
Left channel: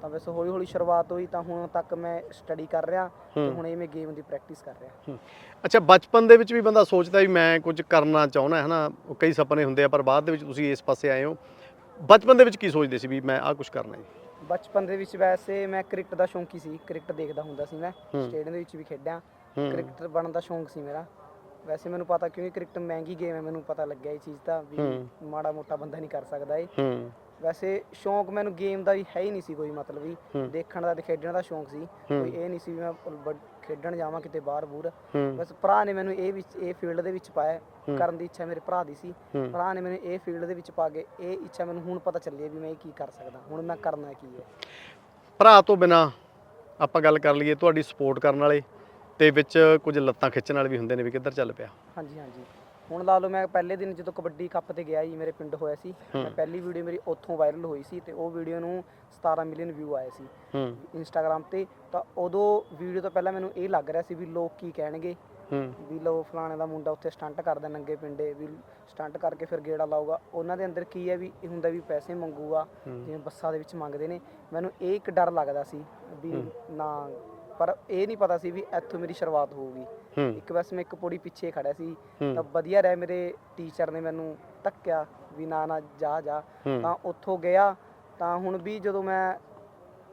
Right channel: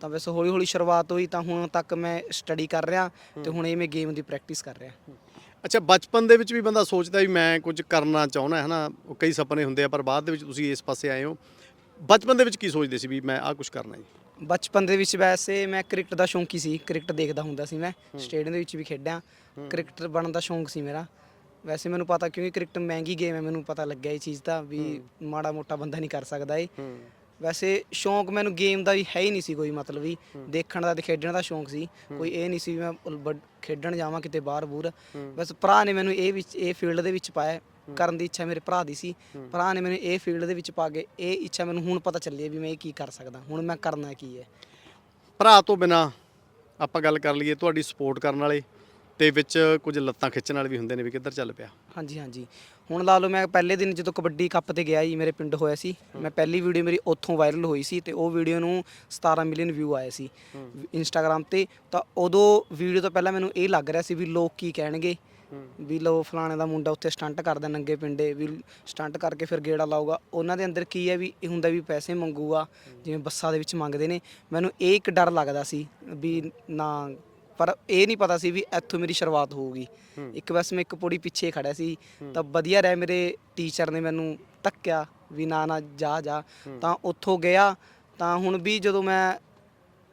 ਤਾਂ ਵੈਸੇ ਹੌਲੀ ਹੌਲੀ ਸ਼ੁਰੂਆਤ ਹੋਈ ਤਾਂ ਹੁਣ ਤੱਕ ਮੈਂ ਸਟੱਡੀ ਕਰ ਰਿਹਾ ਤੇ ਹੁਣ ਇਹ ਮੈਂ ਗੇਮ ਦੀ ਪ੍ਰੈਕਟਿਸ ਕਰ ਰਿਹਾ। ਅੱਛਾ ਬਚਪਨ ਦੇ ਵਿੱਚ ਵੀ ਬੰਦਾ ਸੋਚਦਾ ਵੀ ਮੈਂ ਕੁਝ ਕਰਨਾ ਚਾਹੁੰਦਾ ਹੈ ਉਹ ਕਈ ਸੁਪਨੇ ਹੁੰਦੇ ਆ ਪਰ ਬਾਅਦ ਦੇ ਵਿੱਚ ਤੁਸੀਂ ਇਸ ਪਾਸੇ ਆਏ ਹੋ। ਬਚਪਨ ਦੇ ਵਿੱਚ ਕੀ ਸੋਚਦੇ ਸੀ ਵੀ ਮੈਂ ਆਹ ਕੁਝ ਕਰਨਾ ਹੈ? ਬਚਪਨ ਦੇ ਵਿੱਚ ਵੈਸੇ ਮੈਂ ਕ੍ਰਿਕਟ ਦਾ ਸ਼ੌਂਕੀ ਸੀ ਕ੍ਰਿਕਟ ਦੇਖਦਾ ਹੁੰਦਾ ਸੀ ਮੈਂ ਸਟੇਡੀਅਮ ਦੇ ਵਿੱਚ ਵੀ ਖੇਡਿਆ ਕ੍ਰਿਕਟਰ ਬਣਨ ਦਾ ਸ਼ੌਂਕ ਸੀ ਮੇਰਾ। ਵੈਸੇ ਮੈਨੂੰ ਪਤਾ ਕਿਉਂਕਿ ਕ੍ਰਿਕਟ ਮਹਿੰਗੀ ਗੇਮ ਹੈ ਮੈਨੂੰ ਪਤਾ ਲੱਗਿਆ ਇਹ ਚੀਜ਼ ਦਾ ਵੀ ਮਾੜਾ ਮੋਟਾ ਬੰਦਾ ਨਹੀਂ ਕਰ ਸਕਦਾ ਇਹ। ਵੈਸੇ ਸ਼ੌਂਕ ਮੈਨੂੰ ਗੇਮ ਦਾ ਵੀ ਹੈ ਹੀ ਨਹੀਂ ਸੀ ਕੋਈ ਮਤਲਬ ਵੀ ਦੇਖਣ ਦਾ ਤੇ ਖੇਡਣ ਦਾ ਸ਼ੌਂਕ ਸੀ। ਕੋਈ ਇਹ ਨਹੀਂ ਸੀ ਵੀ ਮੈਂ ਖੇਡਣ ਜਾਵਾਂ ਕਿਤੇ ਬਾਹਰ ਬੂਰ ਬਸ ਭਰਾ ਨੇ ਮੈਨੂੰ ਇਹ ਵਿੱਚ ਇਹ ਫੀਲਡ ਦੇ ਵਿੱਚ ਪਾਇਆ। ਕਰਨ ਦੀ ਇੱਛਾ ਮੇਰੇ ਭਰਾ ਦੀ ਸੀ। ਭਰਾ ਨੇ ਮੈਨੂੰ ਇਹ ਫੀਲਡ ਦੇ ਵਿੱਚ ਪਾ ਕੇ ਇਹ ਇੱਛਾ ਮੈਨੂੰ ਹੁਣ ਪਤਾ ਚੱਲੀ ਹੈ ਵੀ ਮੈਂ ਇਹ ਕੀ ਕਰ ਸਕਦਾ ਹੁਣ ਮੈਂ ਕਰਨਾ ਕੀ ਹੈ। ਭਰਾ ਤੋਂ ਬਿਨਾ ਆਪਾਂ ਗੱਲ ਕਰ ਲਈਏ ਤੁਹਾਡੀ ਸਪੋਰਟ ਕਰਨ ਵਾਲੇ ਤੇ ਵਿੱਚ ਕੁਝ ਲੱਤਾਂ ਖਿੱਚਣ ਵਾਲੇ ਵੀ ਹੁੰਦੇ ਨੇ ਵੀ ਕਿੱਧਰ ਚੱਲ ਪਿਆ? ਹਾਂਜੀ ਹਾਂਜੀ। ਹੁਣ ਲਾ ਲਓ ਮੈਂ ਪਹਿਲੇ ਦਿਨ ਜਦੋਂ ਕਬੱਡੀ ਕੱਪ ਤੇ ਗਿਆ ਜੀ ਮੇਰੇ ਪਿੰਡ ਹੋਇਆ ਸੀ ਮੈਂ ਪਹਿਲੀ ਵੀਡੀਓ ਮੇਰੀ ਉੱਥੋਂ ਵਾਇਰਲ ਹੋਈ ਸੀ ਤੇ ਉਹ ਵੀਡੀਓ ਨੂੰ 17 ਮਿਲੀਅਨ ਵਿਊ ਆਏ ਸੀ ਇੰਸਟਾਗ੍ਰam ਤੇ। ਤਾਂ ਉਦੋਂ ਵੀਡੀਓ ਤੋਂ ਪਹਿਲਾਂ ਮੈਨੂੰ ਇਹ ਲੱਗ ਰਿਹਾ ਸੀ ਵੀ ਲੋਕ ਕੀ ਕਹਿਣਗੇ। ਵੀ ਲੋ ਫਲਾਣੇ ਦਾ ਮੁੰਡਾ ਉੱਥੇ ਸਟੰਟ ਕਰਦਾ ਨੰਗੇ ਪਿੰਡੇ ਵੀ ਸਟੰਟ ਕਰਕੇ ਫਿਰ ਗੇੜਾ ਲਾਊਗਾ। ਉਹਨਾਂ ਦੇ ਅੰਦਰ ਕੀ ਹੈ ਵੀ ਇਹ ਹੁੰਦਾ ਵੀ ਪੈਸੇ ਮੰਗੂਗਾ ਜਿਵੇਂ ਬੱਸਾਂ ਦੇ ਵਿੱਚ ਮੰਗਦੇ ਨੇ। ਮੈਨੂੰ ਇਹ ਇੱਕ ਡਰ ਲੱਗਦਾ ਸੀ ਵੀ ਨਾ ਪਰ ਇਹ ਨਹੀਂ ਪਤਾ ਸੀ ਵੀ ਇੱਥੋਂ ਮੇਰੀ ਸ਼ੁਰੂਆਤ ਹੋਊਗੀ। ਇੱਕ ਬਸ ਮੈਂ ਇੱਕ ਪੌੜੀ ਪਿੱਛੇ ਖੜਿਆ ਸੀ। ਤਾਂ ਵਧੀਆ ਰਿਹਾ ਮੇਰੇ ਟੀਚਰ ਨੇ ਮੈਨੂੰ ਧੱਕਿਆ ਵੀ ਨਾ ਨਾ ਜਾ ਜਾ। ਤਾਂ ਉੱਥੋਂ ਗਿਆ। ਤਾਂ ਹੁਣ ਵੀ ਜਦੋਂ ਮੈਂ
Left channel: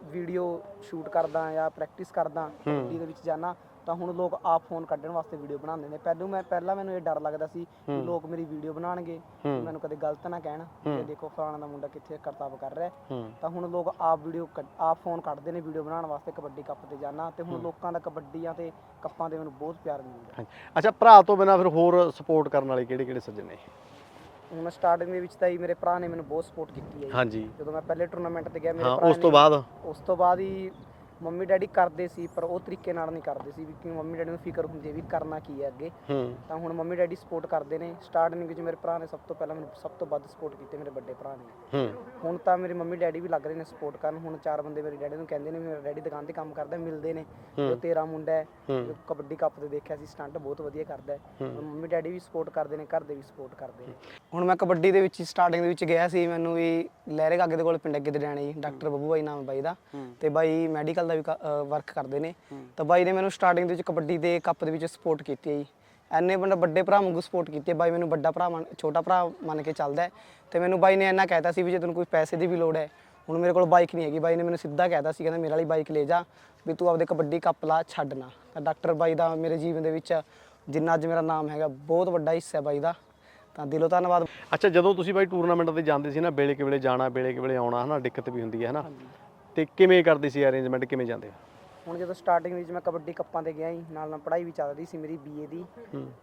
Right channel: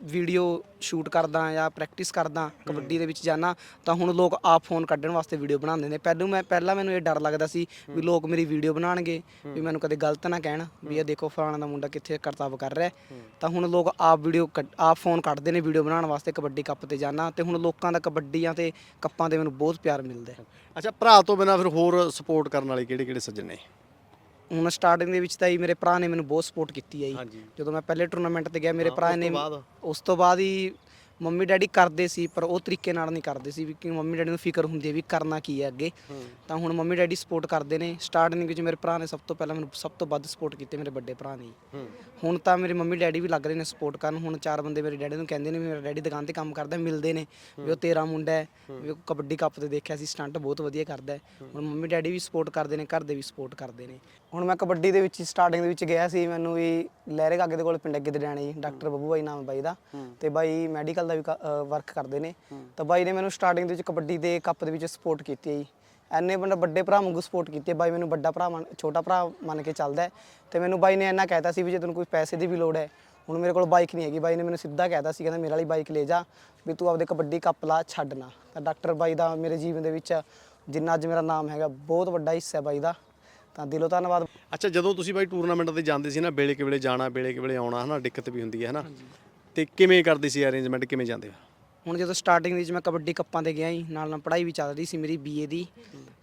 ਵੀਡੀਓ ਸ਼ੂਟ ਕਰਦਾ ਜਾਂ ਪ੍ਰੈਕਟਿਸ ਕਰਦਾ ਕਬੱਡੀ ਦੇ ਵਿੱਚ ਜਾਣਾ ਤਾਂ ਹੁਣ ਲੋਕ ਆਪ ਫੋਨ ਕੱਢਣ ਵਾਸਤੇ ਵੀਡੀਓ ਬਣਾਉਂਦੇ ਨੇ। ਪਹਿਲਾਂ ਮੈਂ ਪਹਿਲਾਂ ਮੈਨੂੰ ਇਹ ਡਰ ਲੱਗਦਾ ਸੀ ਵੀ ਲੋਕ ਮੇਰੀ ਵੀਡੀਓ ਬਣਾਉਣਗੇ ਵੀ ਮੈਨੂੰ ਕਦੇ ਗਲਤ ਨਾ ਕਹਿਣ ਵੀ ਇਹ ਦੇਖੋ ਫਲਾਣਾ ਦਾ ਮੁੰਡਾ ਕਿੱਥੇ ਕਰਤੱਵ ਕਰ ਰਿਹਾ ਹੈ। ਤਾਂ ਹੁਣ ਲੋਕ ਆਪ ਵੀਡੀਓ ਆਪ ਫੋਨ ਕੱਢਦੇ ਨੇ ਵੀਡੀਓ ਬਣਾਉਣ ਵਾਸਤੇ ਕਬੱਡੀ ਕੱਪ ਤੇ ਜਾਣਾ ਤੇ ਹੁਣ ਲੋਕਾਂ ਦਾ ਕਬੱਡੀਆਂ ਤੇ ਕੱਪਾਂ ਤੇ ਮੈਨੂੰ ਬਹੁਤ ਪਿਆਰ ਮਿਲਦਾ ਹੈ। ਅੱਛਾ ਭਰਾ ਤੋਂ ਬਿਨਾ ਫਿਰ ਹੋਰ ਸਪੋਰਟ ਕਰਨ ਵਾਲੇ ਕਿਹੜੇ ਕਿਹੜੇ ਸੱਜਣ ਨੇ? ਹੁਣ ਸਟਾਰਟਿੰਗ ਦੇ ਵਿੱਚ ਤਾਂ ਹੀ ਮੇਰੇ ਭਰਾ ਨੇ ਮੈਨੂੰ ਬਹੁਤ ਸਪੋਰਟ ਕੀਤੀ ਹੈ ਜੀ। ਹਾਂਜੀ। ਜਦੋਂ ਮੈਂ ਪਹਿਲੇ ਟੂਰਨਾਮੈਂਟ ਤੇ ਗਿਆ ਮੇਰੇ ਹਾਂ, ਭਰਾ ਉਸ ਨੇ ਤੋਂ ਬਾਅਦ? ਉਸ ਤੋਂ ਬਾਅਦ ਹੀ ਮੰਮੀ ਡੈਡੀ ਕਰਦੇ ਸੀ ਪਰ ਉਹ ਤਰੀਕੇ ਨਾਲ ਨਹੀਂ ਕਰਦੇ ਸੀ ਵੀ ਕਿ ਮੰਮੀ ਡੈਡੀ ਨੂੰ ਫਿਕਰ ਹੁੰਦੀ ਹੈ ਵੀ ਕਰਨਾ ਕੀ ਹੈ ਅੱਗੇ। ਹੂੰ। ਤਾਂ ਹੁਣ ਮੰਮੀ ਡੈਡੀ ਸਪੋਰਟ ਕਰਦੇ ਨੇ। ਸਟਾਰਟਿੰਗ ਵਿੱਚ ਮੇਰੇ ਭਰਾ ਨੇ ਸਭ ਤੋਂ ਪਹਿਲਾਂ ਮੈਨੂੰ ਸਭ ਤੋਂ ਵੱਧ ਸਪੋਰਟ ਕੀਤੀ ਮੇਰੇ ਵੱਡੇ ਭਰਾ ਨੇ। ਹੂੰ। ਹੁਣ ਤਾਂ ਮੇਰੇ ਮੰਮੀ ਡੈਡੀ ਵੀ ਲੱਗ ਰਹੇ ਨੇ ਸਪੋਰਟ ਕਰਨ। ਹੁਣ ਚਾਰ ਬੰਦੇ ਮੇਰੇ ਡੈਡੀ ਨੂੰ ਕਹਿੰਦੇ ਨੇ ਵੀ ਮੇਰਾ ਡੈਡੀ ਦੁਕਾਨ ਤੇ ਕੰਮ ਕਰਦਾ ਮਿਲਦੇ ਨੇ। ਵੀ ਉਹ ਤੇਰਾ ਮੁੰਡਾ ਹੈ। ਵੀ ਉਹ ਕਬੱਡੀ ਕੱਪ ਤੇ ਦੇਖਿਆ ਸੀ ਸਟੰਟ ਬਹੁਤ ਵਧੀਆ ਕਰਦਾ ਹੈ। ਹੁਣ ਮੰਮੀ ਡੈਡੀ ਵੀ ਸਪੋਰਟ ਕਰਦੇ ਨੇ ਘਰ ਦੇ ਵੀ ਸਪੋਰਟ ਕਰਦੇ ਨੇ। ਹੁਣ ਮੈਂ ਕਬੱਡੀ ਦੇ ਵਿੱਚ ਸਟਾਰਟਿੰਗ ਦੇ ਵਿੱਚ ਗਿਆ ਸੀ। ਮੈਨੂੰ ਵੀ ਲਹਿਰੇ ਕਾਗੇ ਦੇ ਕੋਲ ਪਿੰਡ ਅੱਗੇ ਦੇ ਡਿਆਣੇ ਜੀ ਡਾਕਟਰ ਬੱਬੂ ਬਾਈ ਨਾਮ ਹੈ ਬਾਈ ਦਾ। ਤੇ ਬਾਈ ਮੈਡੀਕਲ ਦਾ ਵੀ ਵਰਕ ਕਰਦੇ ਨੇ। ਤਾਂ ਬਾਈ ਨੇ ਮੈਨੂੰ ਸਟਾਰਟਿੰਗ ਦੇ ਵਿੱਚ ਕਬੱਡੀ ਦੇ ਕੱਪ ਦੇ ਵਿੱਚ ਸਪੋਰਟ ਕੀਤੀ ਹੈ ਜੀ। ਐਨੇ ਬੰਦਾ ਵੱਡੇ ਭਰਾ ਵਾਂਗੂ ਸਪੋਰਟ ਕੀਤੀ ਹੈ। ਬਾਈ ਮੈਨੂੰ ਵੱਡਾ ਭਰਾ ਛੋਟਾ ਭਰਾ ਮੰਨ ਕੇ ਚੱਲਦਾ ਤੇ ਮੈਨੂੰ ਬਾਈ ਨੇ ਇੰਨਾ ਕਹਿਤਾ ਸੀ ਵੀ ਜੇ ਤੈਨੂੰ ਕੋਈ ਪੈਸੇ ਦੀ ਵੀ ਲੋੜ ਹੈ ਹੁਣ ਮੇਰੇ ਕੋਲ ਬਾਈਕ ਨਹੀਂ ਹੈਗੀ। ਬਾਈ ਨੇ ਮੈਨੂੰ ਸਿੱਧਾ ਕਹਿਤਾ ਸੀ ਕਹਿੰਦਾ ਮੇਰੇ ਵਾਲੀ ਬਾਈਕ ਲੈ ਜਾ ਵੀ ਤੂੰ ਆਪਦੇ ਕਬੱਡੀ ਕੱਪ ਲਾ ਛੱਡ ਨਾ। ਤਾਂ ਡਾਕਟਰ ਬਾਈ ਦਾ ਮੇਰੇ ਜੀਵਨ ਦੇ ਵਿੱਚ ਜਿੰਨਾ ਅੱਜ ਮੇਰਾ ਨਾਮ ਹੈਗਾ ਬਹੁਤ ਵੱਡਾ ਹਿੱਸਾ ਹੈ ਬਾਈ ਦਾ। ਤਾਂ ਦਿਲੋਂ ਧੰਨਵਾਦ। ਅੱਛਾ ਜਦੋਂ ਤੁਸੀਂ ਬਾਈ ਟੂਰਨਾਮੈਂਟ ਤੇ ਜਾਂਦੇ ਸੀ ਨਾ ਵੇਲੇ ਕਿ ਵੇਲੇ ਜਾਣਾ ਵੇਲੇ ਕਿ ਵੇਲੇ ਆਉਣਾ ਹਨਾ ਦਿੱਕਤ ਵੀ ਹੁੰਦੀ ਹੈ ਹਨਾ? ਤੇ ਕਿਵੇਂ ਕਰਦੇ ਸੀ ਅਰੇਂਜਮੈਂਟ ਕਿਵੇਂ ਜਾਂਦੇ ਹੁਣ ਜਦੋਂ ਸਟਾਰਟਿੰਗ ਵਿੱਚ ਮੈਂ ਕਬੱਡੀ ਕੱਪਾਂ ਤੇ ਗਿਆ ਸੀ ਨਾਲ ਨਾਲ ਪੜ੍ਹਾਈ ਵੀ ਚੱਲ ਰਹੀ ਸੀ ਮੇਰੀ ਬੀਏ ਦੀ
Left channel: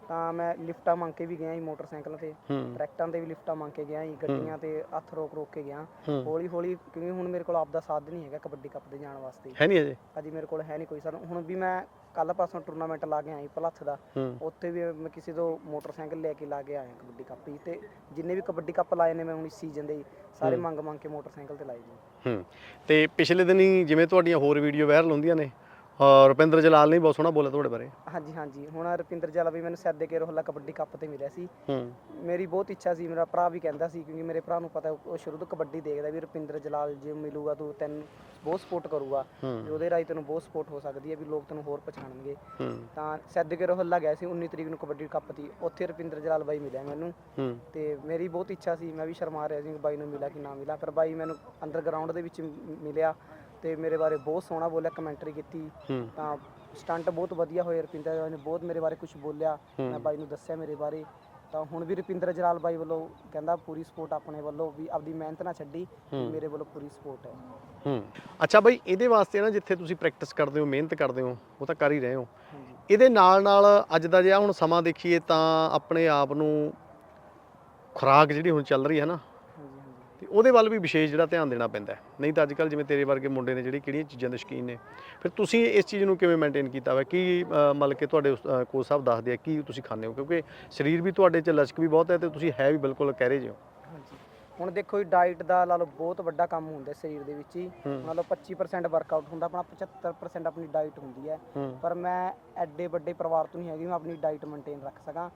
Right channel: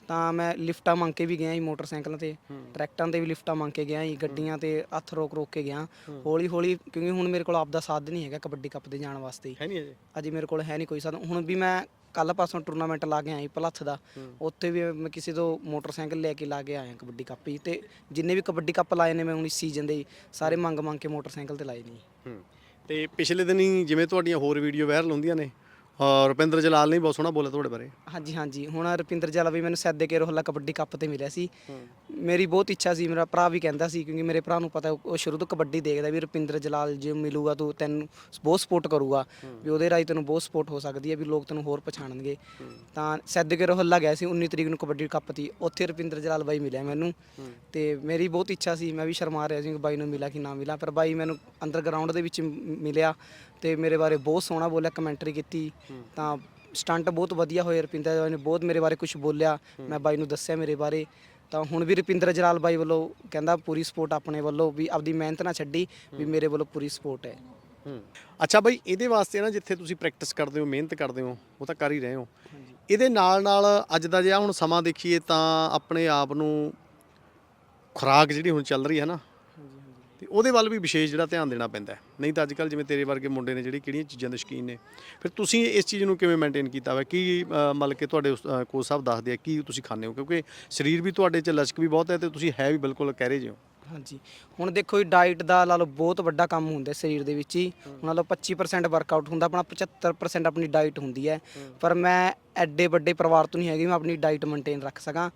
ਤਾਂ ਮੈਂ ਲਿਫਟਾਂ ਮੰਗ ਕੇ ਵੀ ਗਿਆ ਸੀ ਮੋਟਰਸਾਈਕਲਾਂ ਤੇ ਟਰੈਕਟਰਾਂ ਤੇ ਵੀ ਲਿਫਟਾਂ ਮੰਗ ਕੇ ਗਿਆ ਸੀ ਗੱਡੀਆਂ ਤੇ ਹੱਥ ਰੋਕ ਰੋਕ ਕੇ ਗਿਆ। ਹੌਲੀ ਹੌਲੀ ਕਿਉਂਕਿ ਹੁਣ ਮੇਰੇ ਕੋਲ ਆਪਦਾ ਸਾਧਨ ਨਹੀਂ ਹੈਗਾ ਕਬੱਡੀ ਕੱਪ ਤੇ ਜਾਣ ਵਾਸਤੇ। ਹੈ ਨਹੀਂ ਅਜੇ? ਅਜੇ ਮੇਰੇ ਕੋਲ ਹੈ ਨਹੀਂ ਕੋਈ ਸਾਧਨ। ਹੁਣ ਵੀ ਮੈਂ ਕੱਲ ਪਾਸੋਂ ਟੂਰਨਾਮੈਂਟ ਲਾ ਕੇ ਆਇਆ ਭਲੱਥ ਦਾ। ਉੱਥੇ ਵੀ ਮੈਂ ਕਿਸੇ ਤੋਂ ਮੋਟਰਸਾਈਕਲ ਲੈ ਕੇ ਲਾ ਕੇ ਆਇਆ ਕਬੱਡੀ ਕੱਪ ਤੇ ਜਿੰਨੇ ਵੀ ਕਬੱਡੀ ਕੱਪ ਲਾਏ ਨੇ ਮੈਂ ਹੁਣ ਇਸ ਸੀਜ਼ਨ ਦੇ ਸਾਰੇ ਮੰਗ ਮੰਗ ਕੇ ਮੋਟਰਸਾਈਕਲ ਤੇ ਲਾਏ ਨੇ ਤੇ ਪਿਛਲੇ ਦਿਨੀ ਜਿਵੇਂ ਤੁਹਾਡੀਆਂ ਹੋਰ ਵੀਡੀਓ ਵਾਇਰਲ ਹੁੰਦੀਆਂ ਨੇ ਔਰ ਰੁਪਿੰਦਰ ਜਲਾਲ ਨੇ ਵੀ ਬਹੁਤ ਸੋਹਣਾ ਬੋਲਿਆ ਤੁਹਾਡੇ ਬਾਰੇ। ਹਾਂਜੀ ਹਾਂਜੀ। ਹੁਣ ਰੁਪਿੰਦਰ ਜਲਾ ਵੀ ਮੈਨੂੰ ਸੈਦੇ ਕੇ ਰੋਹਲਾ ਕਬੱਡੀ ਕੱਪ ਤੇ ਮਿਲਿਆ ਸੀ। ਹੂੰ। ਮੇਰੀ ਬਹੁਤ ਇੱਛਾ ਸੀ ਮੇਰਾ ਭਰਾ ਵੀ ਕਹਿੰਦਾ ਸੀ ਕਿਉਂਕਿ ਮੇਰੇ ਭਰਾ ਨੂੰ ਪਤਾ ਉਹ ਸ਼ੁਰੂ ਤੋਂ ਕਬੱਡੀ ਦੇਖਦਾ ਵੀ ਰੁਪਿੰਦਰ ਜਲਾਲ ਜੇ ਮਿਲੂਗਾ ਤੂੰ ਤੈਨੂੰ ਬਹੁਤ ਸਪੋਰਟ ਕਰੂਗਾ ਵੀ ਉਹਦੇ ਰਾਹੀਂ ਤੈਨੂੰ ਬਹੁਤ ਸਪੋਰਟ ਹੋ ਸਕਦੀ ਹੈ ਵੀ ਲੋਕ ਤੈਨੂੰ ਹੋਰ ਪਛਾਣਨਗੇ। ਤਾਂ ਸੈਦਕੇ ਰੋਹਲਾ ਗਿਆ ਸੀ 19 ਤਰੀਕ ਨੂੰ ਕਬੱਡੀ ਕੱਪ ਤੀ। ਉੱਥੇ ਰੁਪਿੰਦਰ ਜਲਾਲ ਬਾਈ ਮਿਲਿਆ ਮੈਨੂੰ। ਹੂੰ। ਤੇ ਮੇਰੀ ਬਹੁਤ ਇੱਛਾ ਸੀ ਮੈਂ ਵੀ ਸ਼ਰਮਾ ਰਿਹਾ ਸੀ ਕਿ ਬਾਈ ਨੂੰ ਮਿਲਾ ਕਿ ਨਾ ਮਿਲਾ। ਪਰ ਬਾਈ ਮੈਨੂੰ ਅੰਡਰਗਰਾਉਂਡ ਦੇ ਵਿੱਚ ਮ- ਮਿਲਿਆ। ਤੇ ਮੇਰੇ ਬਾਰੇ ਬਹੁਤ ਸੋਹਣਾ ਬੋਲਿਆ ਕਮੈਂਟਰੀ ਕੀਤੀ। ਤਾਂ ਸਟੰਟ ਬਹੁਤ ਵਧੀਆ ਹੋਏ ਰੁਪਿੰਦਰ ਬਾਈ ਨੇ ਬਹੁਤ ਮੇਰੇ ਬਾਰੇ ਕੁਝ ਬੋਲਿਆ ਮੈਂ ਬਾਈ ਨੂੰ ਦੱਸਿਆ ਮੇਰੇ ਬਾਰੇ। ਤਾਂ ਹੁਣ ਵੀ ਰੁਪਿੰਦਰ ਜਲਾਲ ਬਾਈ ਵੱਲੋਂ ਕਹਿੰਦਾ ਪੂਰੀ ਸਪੋਰਟ ਆਪਣੇ ਵੱਲੋਂ ਵੀ ਆਪਦੀ ਮਿਹਨਤ ਨਾ ਛੱਡੀ ਵੀ ਮੇਰੇ ਵੱਲੋਂ ਪੂਰੀ ਸਪੋਰਟ ਹੈ। ਹੂੰ। ਅੱਛਾ ਬਾਈ ਇਹਦੇ ਵਾਸਤੇ ਨਾ ਜਿੱਥੇ ਤੁਸੀਂ ਪ੍ਰੈਕਟਿਸ ਕਰਦੇ ਹੋ ਮਿਹਨਤ ਕਰਦੇ ਹੋ ਉਹ ਤਾਂ ਕਰ ਹੀ ਰਹੇ ਹੋ। ਇਹਦੇ ਨਾਲ ਨਾਲ ਅੱਜ ਦਾ ਜੇ ਹੁਣ ਸਮਾਂ ਦੇਖੀਏ ਤਾਂ ਆਪਣੇ ਆਪ ਨੂੰ ਖੁਰਾਕ ਜਿਹੜੀ ਹੁਣ ਚੱਲ ਰਹੀ ਹੈ ਨਾ ਤੇ ਉਹਦੇ ਵੱਲ ਵੀ ਵਿਸ਼ੇਸ਼ ਜਿਹੜਾ ਧਿਆਨ ਦੇਣਾ ਪੈਂਦਾ ਨਹੀਂ ਤਾਂ ਅੱਜ ਕੱਲ ਜਿਵੇਂ ਤੇਰੇ ਵਰਗੇ ਮੁੰਡੇ ਨੇ ਜਿਹੜੇ ਕਿਹੜੀਆਂ ਚੀਜ਼ਾਂ ਦੇ ਸ਼ਕੀਨ ਨੇ ਫਿਰ ਤੁਸੀਂ ਇਸ ਚੀਜ਼ ਨੂੰ ਕਿਵੇਂ ਮੇਨਟੇਨ ਕੀਤਾ ਹੋਇਆ ਕੀ ਮਤਲਬ ਕਿ ਤੁਹਾਡੇ ਉਸ- ਅ, ਕੋਚ ਸਾਹਿਬ ਦੱਸਦੇ ਆ ਕੀ ਤੁਸੀਂ ਖਾਂਦੇ ਹੋ? ਕਿਉਂਕਿ ਸਰੀਰ ਵੀ ਤੁਹਾਡੇ 'ਚ ਲਚਕ ਵੀ ਬਹੁਤ ਹੈ ਤੇ ਤੁਸੀਂ ਹੈ ਵੀ ਬਿਲਕੁਲ ਕਹਿ ਰਹੇ ਹੋ। ਹਾਂਜੀ। ਹੁਣ ਦੇਖੋ ਜੀ ਡਾਈਟ ਦਾ ਲਾ ਲਓ ਬਹੁਤ ਵੱਡਾ ਕੰਮ ਹੁੰਦਾ ਹੈ ਸਰੀਰ ਦੇ ਵਿੱਚ ਹੀ। ਲਾ ਲਓ 25% ਵਰਕਆਊਟ ਹੁੰਦਾ ਆਪਣਾ 75% ਆਪਣੀ ਡਾਈਟ ਹੁੰਦੀ ਹੈ। ਪਰ ਮੈਂ ਐਡੇ ਵੱਡੇ ਪਰਿਵਾਰ ਤੋਂ ਨਹੀਂ ਹੈਗੀ ਮੈਂ ਆਪਣੀ ਡਾਈਟ ਮੇਨਟੇਨ ਰੱਖ ਸਕਾਂ।